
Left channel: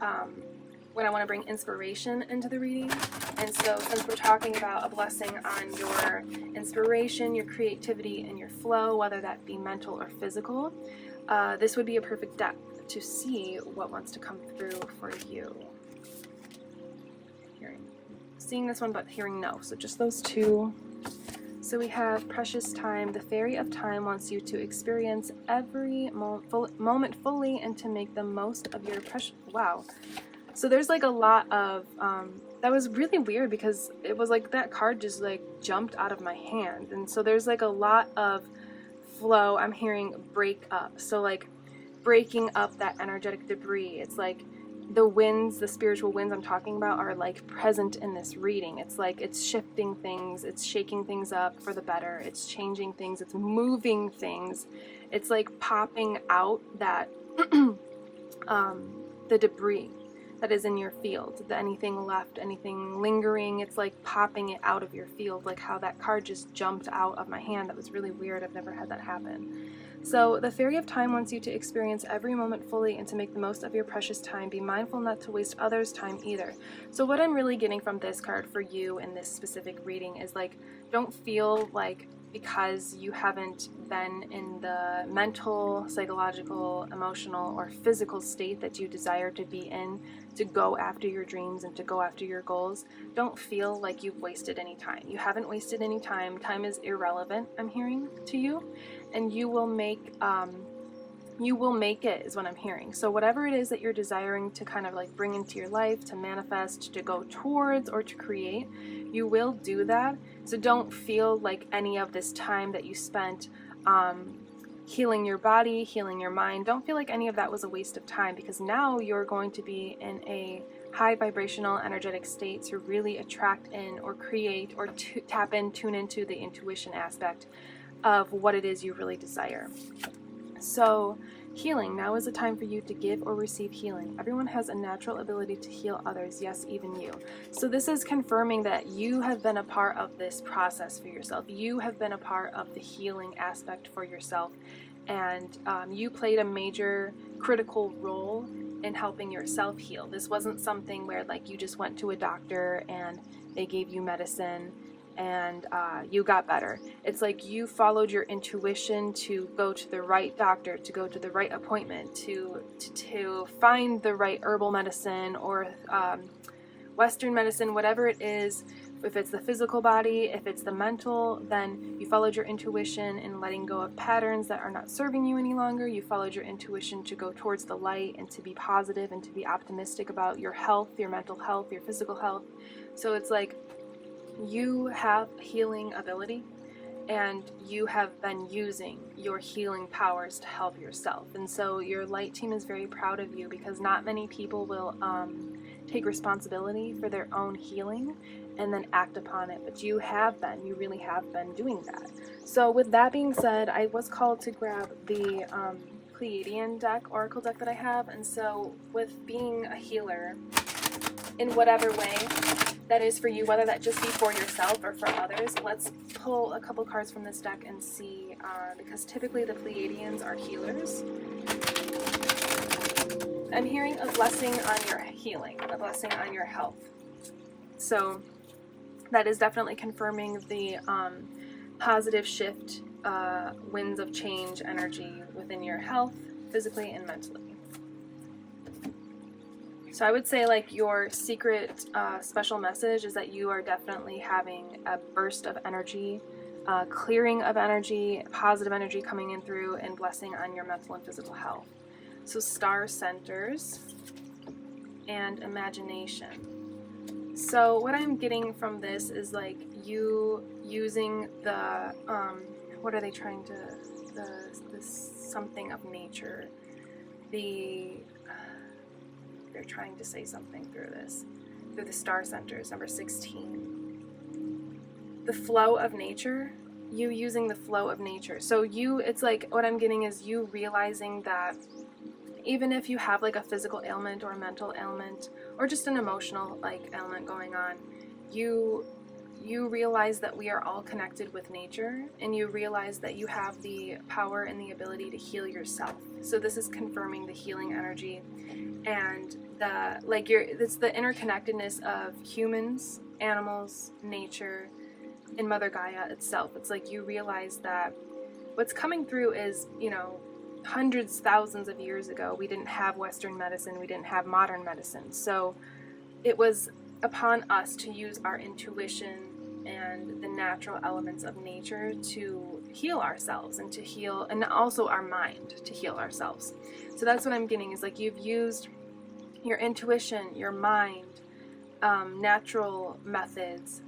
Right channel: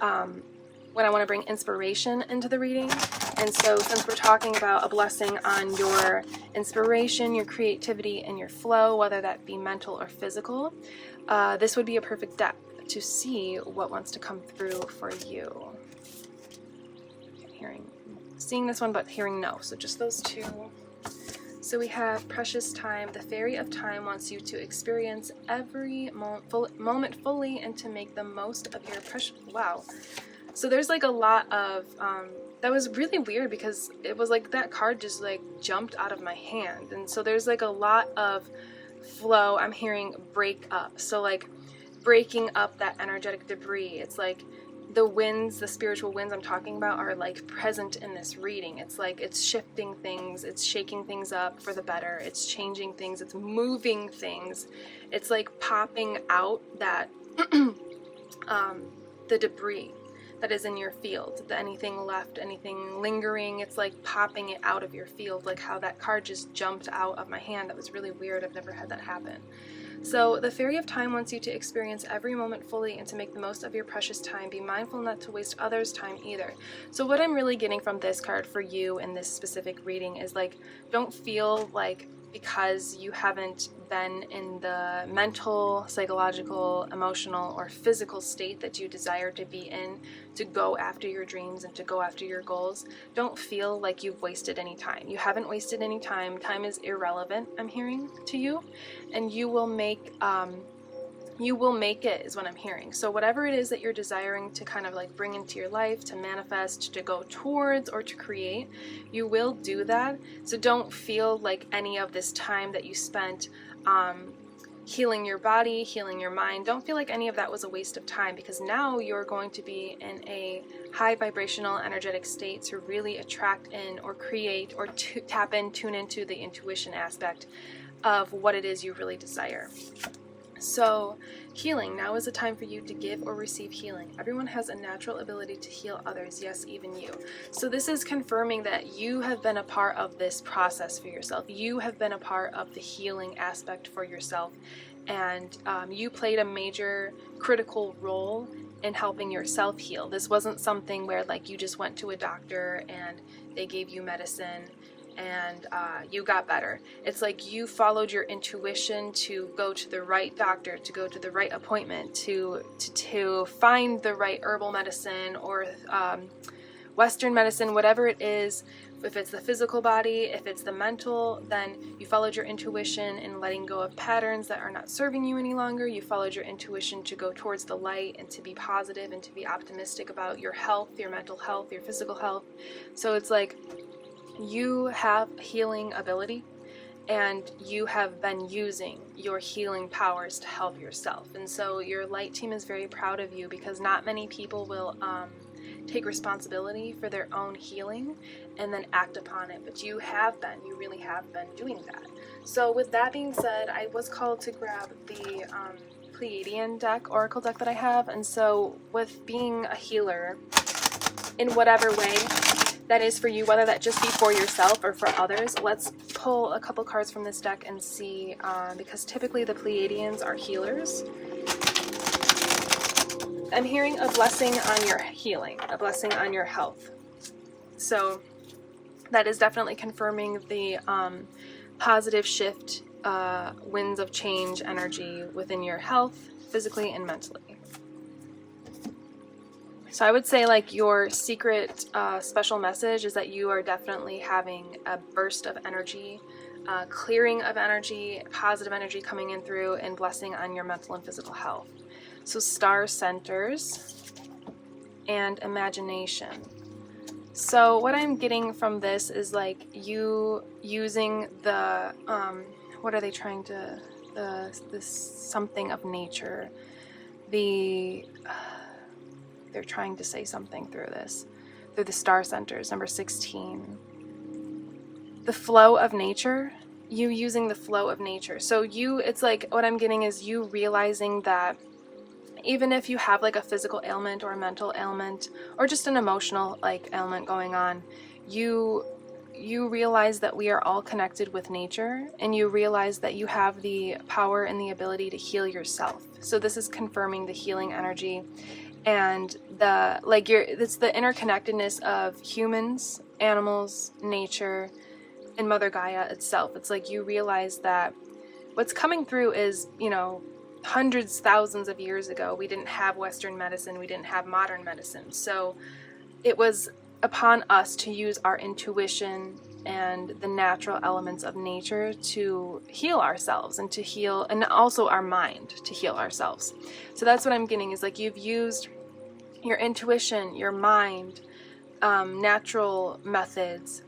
when I want to bring inspiration into the reading. And so since we're talking about a blessing on your inspiration, your creativity, and your flow, whether that be mental or physical, this would be a perfect deck to see what wants to come through for you. Seeing this one, but hearing no. So just those two. So we have Precious Time. The Fairy of Time wants you to experience every moment fully and to make the most of your precious... Wow. So there's like a lot of... that was really weird, because it was like that card just like jumped out of my hand. And so there's like a lot of flow. I'm hearing break up. So like breaking up that energetic debris. It's like the winds, the spiritual winds I'm talking about, are like present in this reading. It's like it's shifting things, it's shaking things up for the better, it's changing things, it's moving things. It's like popping out that the debris that is in your field, anything left, anything lingering, it's like popping it out of your field, like how that card just jumped out of my hand. That was really weird. I've never had that happen. So the Fairy of Time wants you to experience every moment fully and to make the most of your precious time. Be mindful not to waste others' time either. So what I'm really getting from this card for you in this specific reading is like, don't feel like because you haven't been in the mental, psychological, emotional, or physical state that you desire to be in to go after your dreams and to go after your goals. Don't feel like you've wasted any time. You haven't wasted any time. Time is irrelevant, I'm hearing to you, and you will make it, is what I'm hearing. So whatever it is that you're desiring to kind of like bring into your life, to manifest, to go towards, or to create, you will do that. So don't feel like any of this time that you spent healing your body, healing your mind, don't feel like any of that was a waste of time, because now you're going to be in a high vibrational energetic state to really attract in or create or tap in, tune into the intuition aspect of what it is you really desire. So healing, now is a time for you to give or receive healing. Everyone has a natural ability to heal others, yes, even you. So this is confirming that you have been a part of this process for yourself. You have been a part of the healing aspect for yourself, and you played a major critical role in helping yourself heal. This wasn't something where like you just went to a doctor and they gave you medicine and you got better. It's like you followed your intuition to go to the right doctor, to go to the right appointment, to find the right herbal medicine or Western medicine, whatever it is. If it's the physical body, if it's the mental, then you followed your intuition in letting go of patterns that are not serving you any longer. You followed your intuition to go towards the light and to be positive and to be optimistic about your health, your mental health, your physical health. So it's like you have healing ability, and you have been using your healing powers to help yourself. And so your light team is very proud of you, because not many people will take responsibility for their own healing and then act upon it. But you really have been doing that. So with that being said, I was called to grab the Pleiadian deck, Oracle deck that I have. And so with being a healer in whatever way that is for you, whether that just be for yourself or for others, let's pull a couple cards from this deck and see, because typically the Pleiadians are healers. I'm hearing a blessing on your healing, a blessing on your health. So that is definitely confirming the positive shift, winds of change energy within your health, physically and mentally. So I would say like your secret special message is that you are definitely having a burst of energy, clearing of energy, positive energy coming in through, and blessing on your mental and physical health. So star centers and imagination. So what I'm getting from this is like you using the, what are they trying to, this something of nature. they're trying to say something through this, through the star centers, number 16. The flow of nature, you using the flow of nature. So it's like, what I'm getting is you realizing that even if you have like a physical ailment or a mental ailment or just an emotional like ailment going on, you realize that we are all connected with nature, and you realize that you have the power and the ability to heal yourself. So this is confirming the healing energy and it's the interconnectedness of humans, animals, nature, and Mother Gaia itself. It's like you realize that what's coming through is, hundreds, thousands of years ago, we didn't have Western medicine, we didn't have modern medicine. So it was upon us to use our intuition and the natural elements of nature to heal ourselves and to heal, and also our mind to heal ourselves. So that's what I'm getting, is like you've used your intuition, your mind, natural methods,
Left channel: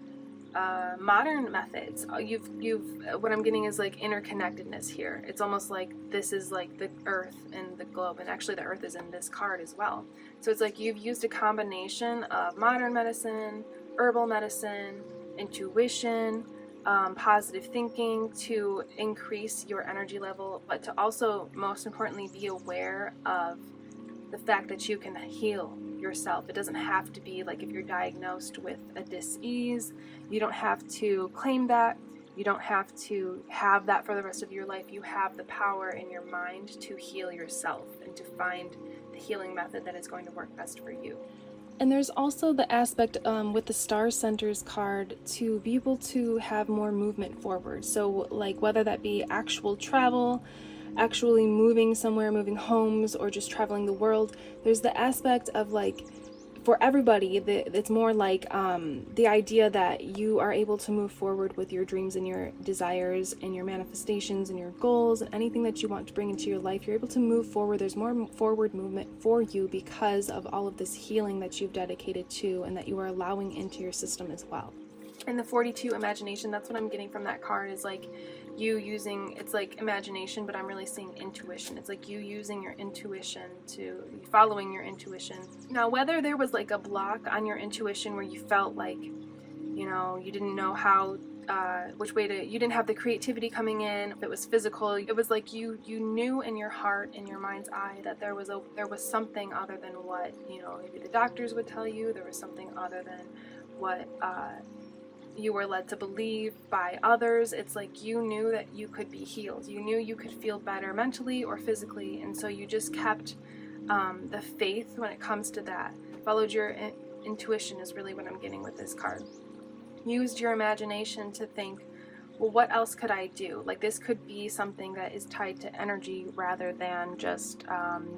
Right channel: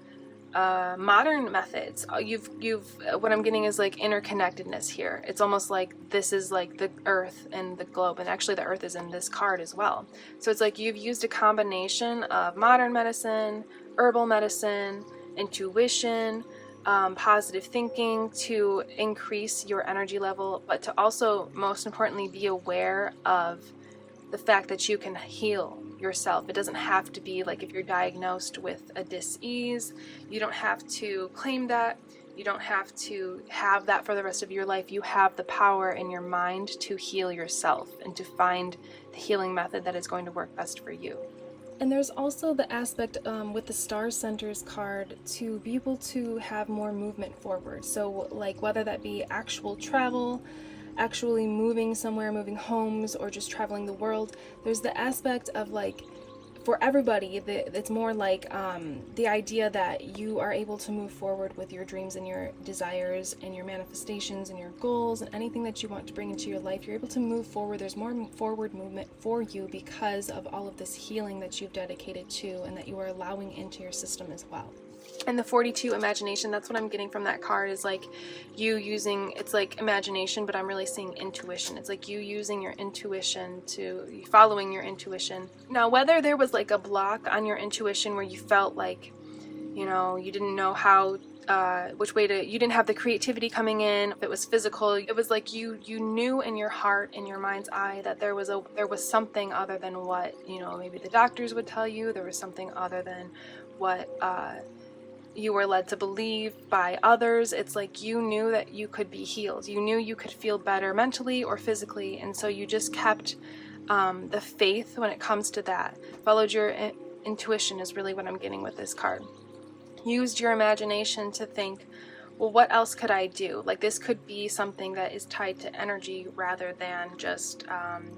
modern methods. What I'm getting is like interconnectedness here. It's almost like this is like the earth and the globe, and actually the earth is in this card as well. So it's like you've used a combination of modern medicine, herbal medicine, intuition, positive thinking to increase your energy level, but to also, most importantly, be aware of the fact that you can heal yourself. It doesn't have to be like if you're diagnosed with a dis-ease, you don't have to claim that. You don't have to have that for the rest of your life. You have the power in your mind to heal yourself and to find the healing method that is going to work best for you. And there's also the aspect with the Star Centers card to be able to have more movement forward. So like whether that be actual travel, actually moving somewhere, moving homes, or just traveling the world, there's the aspect of like, for everybody, it's more like the idea that you are able to move forward with your dreams and your desires and your manifestations and your goals and anything that you want to bring into your life. You're able to move forward. There's more forward movement for you because of all of this healing that you've dedicated to and that you are allowing into your system as well. And the 42 imagination, that's what I'm getting from that card, is like you using, it's like imagination, but I'm really seeing intuition. It's like you using your intuition following your intuition. Now, whether there was like a block on your intuition where you felt like, you didn't know how, which way you didn't have the creativity coming in, if it was physical, it was like you knew in your heart, in your mind's eye, that there was something other than what, maybe the doctors would tell you. There was something other than what, you were led to believe by others. It's like you knew that you could be healed. You knew you could feel better mentally or physically, and so you just kept the faith when it comes to that. Followed your intuition is really what I'm getting with this card. Used your imagination to think, well, what else could I do? Like this could be something that is tied to energy rather than just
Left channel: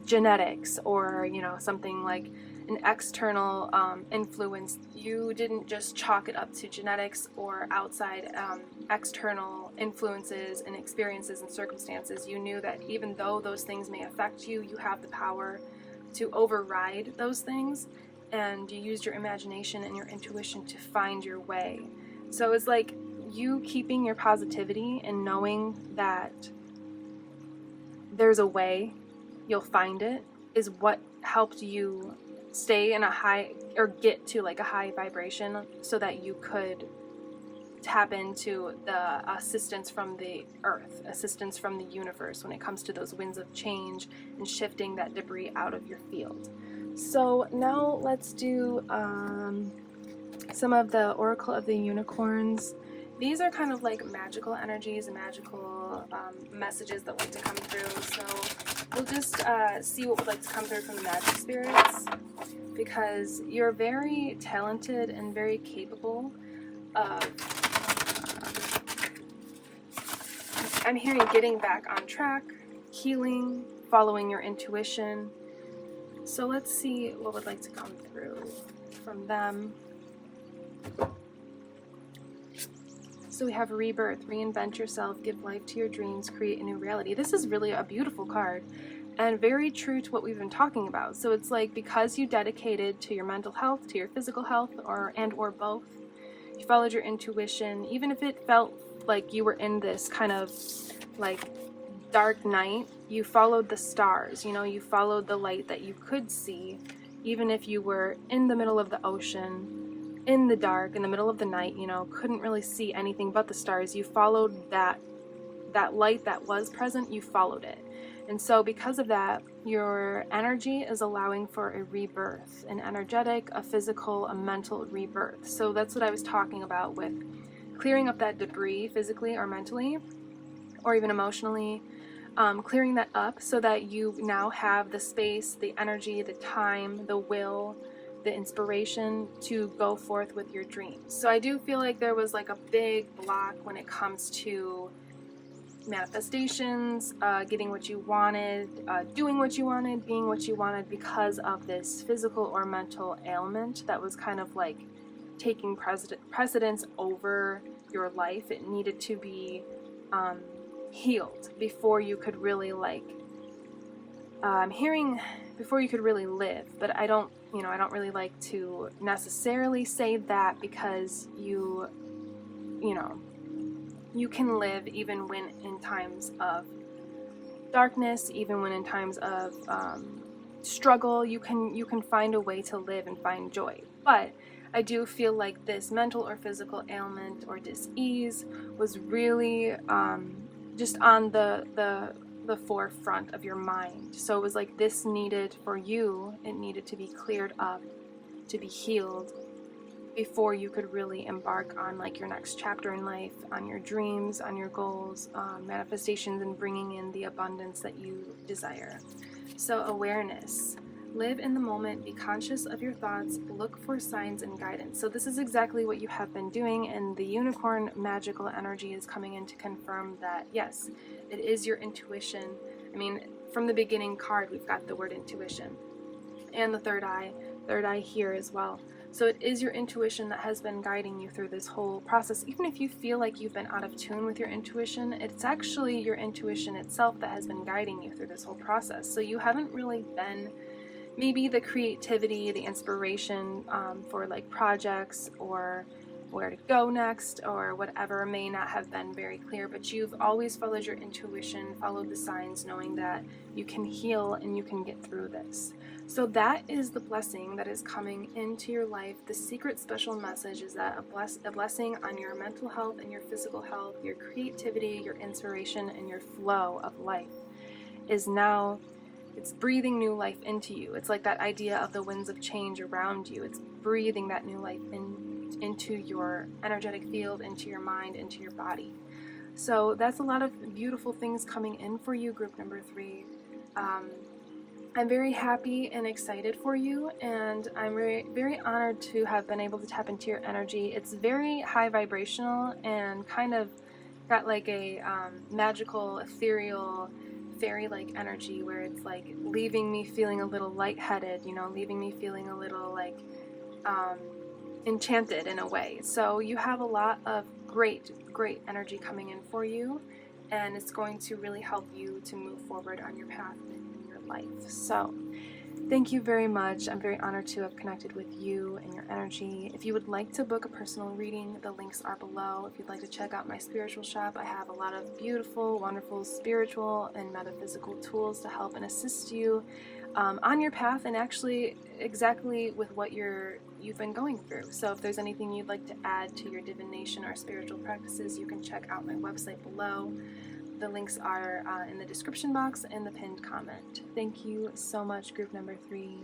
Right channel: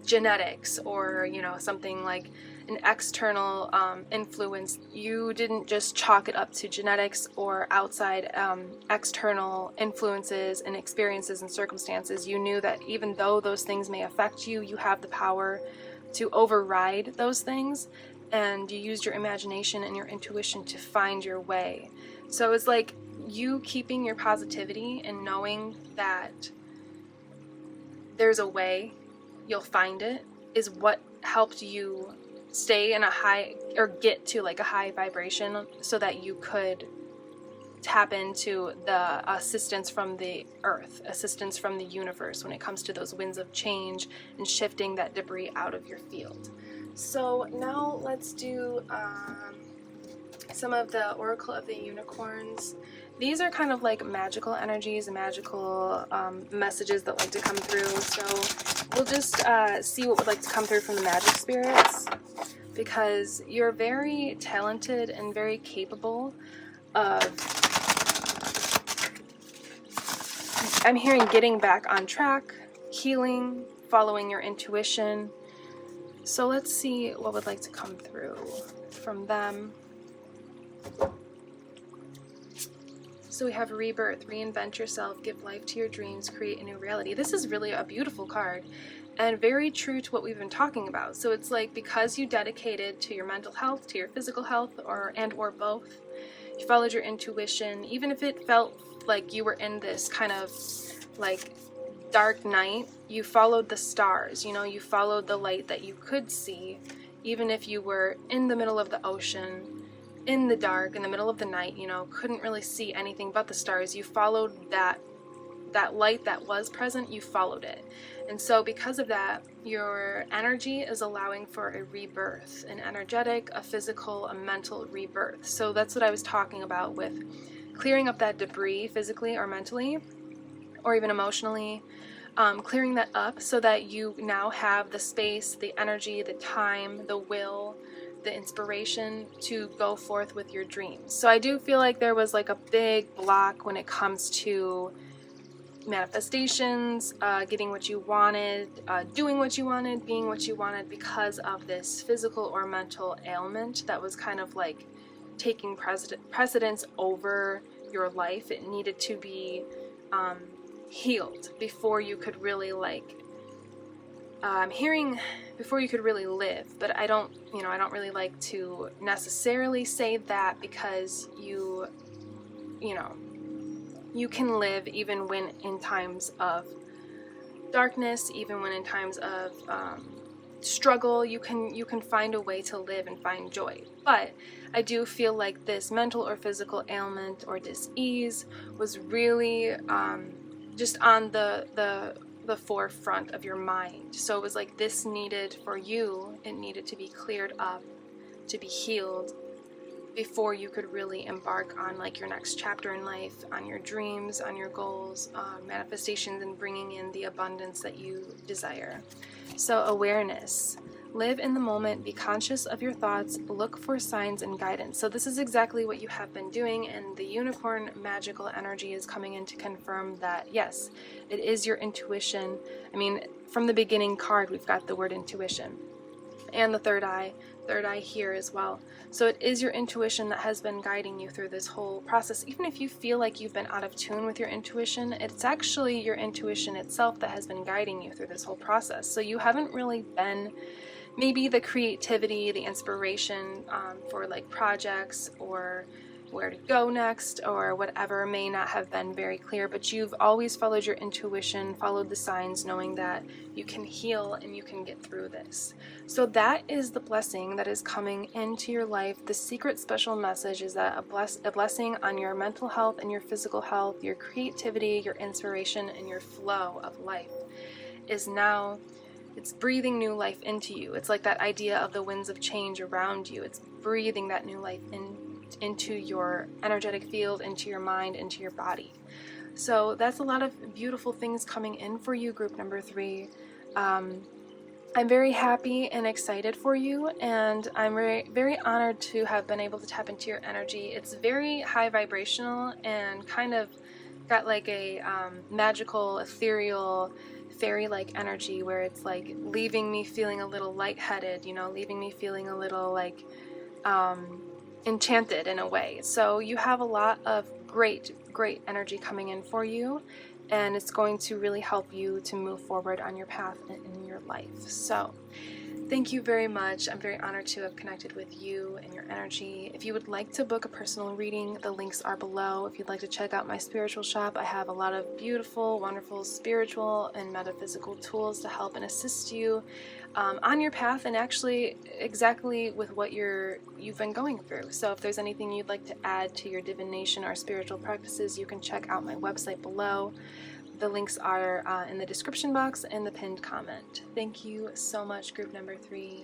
genetics or, something like an external influence. You didn't just chalk it up to genetics or outside external influences and experiences and circumstances. You knew that even though those things may affect you, you have the power to override those things, and you used your imagination and your intuition to find your way. So it's like you keeping your positivity and knowing that there's a way, you'll find it, is what helped you stay in a high, or get to like a high vibration, so that you could tap into the assistance from the earth, assistance from the universe when it comes to those winds of change and shifting that debris out of your field. So now let's do some of the Oracle of the Unicorns. These are kind of like magical energies and magical messages that like to come through. So we'll just see what would like to come through from the magic spirits, because you're very talented and very capable of, I'm hearing, getting back on track, healing, following your intuition. So let's see what would like to come through from them. So we have rebirth, reinvent yourself, give life to your dreams, create a new reality. This is really a beautiful card and very true to what we've been talking about. So it's like, because you dedicated to your mental health, to your physical health, or both, you followed your intuition, even if it felt like you were in this kind of like dark night, you followed the stars, you know, you followed the light that you could see, even if you were in the middle of the ocean, in the dark, in the middle of the night, you know, couldn't really see anything but the stars. You followed that light that was present, you followed it. And so because of that, your energy is allowing for a rebirth, an energetic, a physical, a mental rebirth. So that's what I was talking about with clearing up that debris physically or mentally, or even emotionally, clearing that up so that you now have the space, the energy, the time, the will, the inspiration to go forth with your dreams. So I do feel like there was like a big block when it comes to manifestations, getting what you wanted, doing what you wanted, being what you wanted, because of this physical or mental ailment that was kind of like taking precedence over your life. It needed to be healed before you could really before you could really live. But I don't really like to necessarily say that, because you can live even when in times of darkness, even when in times of struggle, you can find a way to live and find joy. But I do feel like this mental or physical ailment or dis-ease was really just on the forefront of your mind. So it was like this needed, for you, it needed to be cleared up, to be healed, before you could really embark on like your next chapter in life, on your dreams, on your goals, manifestations, and bringing in the abundance that you desire. So awareness. Live in the moment, be conscious of your thoughts, look for signs and guidance. So this is exactly what you have been doing, and the unicorn magical energy is coming in to confirm that, yes, it is your intuition. I mean, from the beginning card, we've got the word intuition. And the third eye here as well. So it is your intuition that has been guiding you through this whole process. Even if you feel like you've been out of tune with your intuition, it's actually your intuition itself that has been guiding you through this whole process. So you haven't really been, maybe the creativity, the inspiration for like projects or where to go next or whatever may not have been very clear, but you've always followed your intuition, followed the signs, knowing that you can heal and you can get through this. So that is the blessing that is coming into your life. The secret special message is that a blessing on your mental health and your physical health, your creativity, your inspiration, and your flow of life is now, it's breathing new life into you. It's like that idea of the winds of change around you. It's breathing that new life into your energetic field, into your mind, into your body. So that's a lot of beautiful things coming in for you, group number 3. I'm very happy and excited for you, and I'm very, very honored to have been able to tap into your energy. It's very high vibrational and kind of got like a magical, ethereal, fairy-like energy, where it's like leaving me feeling a little lightheaded, leaving me feeling a little like enchanted in a way. So you have a lot of great energy coming in for you, and it's going to really help you to move forward on your path in your life. So thank you very much. I'm very honored to have connected with you and your energy. If you would like to book a personal reading, the links are below. If you'd like to check out my spiritual shop, I have a lot of beautiful, wonderful spiritual and metaphysical tools to help and assist you on your path, and actually exactly with what you've been going through. So if there's anything you'd like to add to your divination or spiritual practices, you can check out my website below. The links are in the description box and the pinned comment. Thank you so much, group number 3.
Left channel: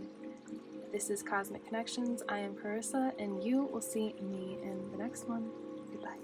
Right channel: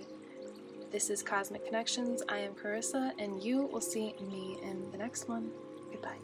This is Cosmic Connections. I am Carissa, and you will see me in the next one. Goodbye.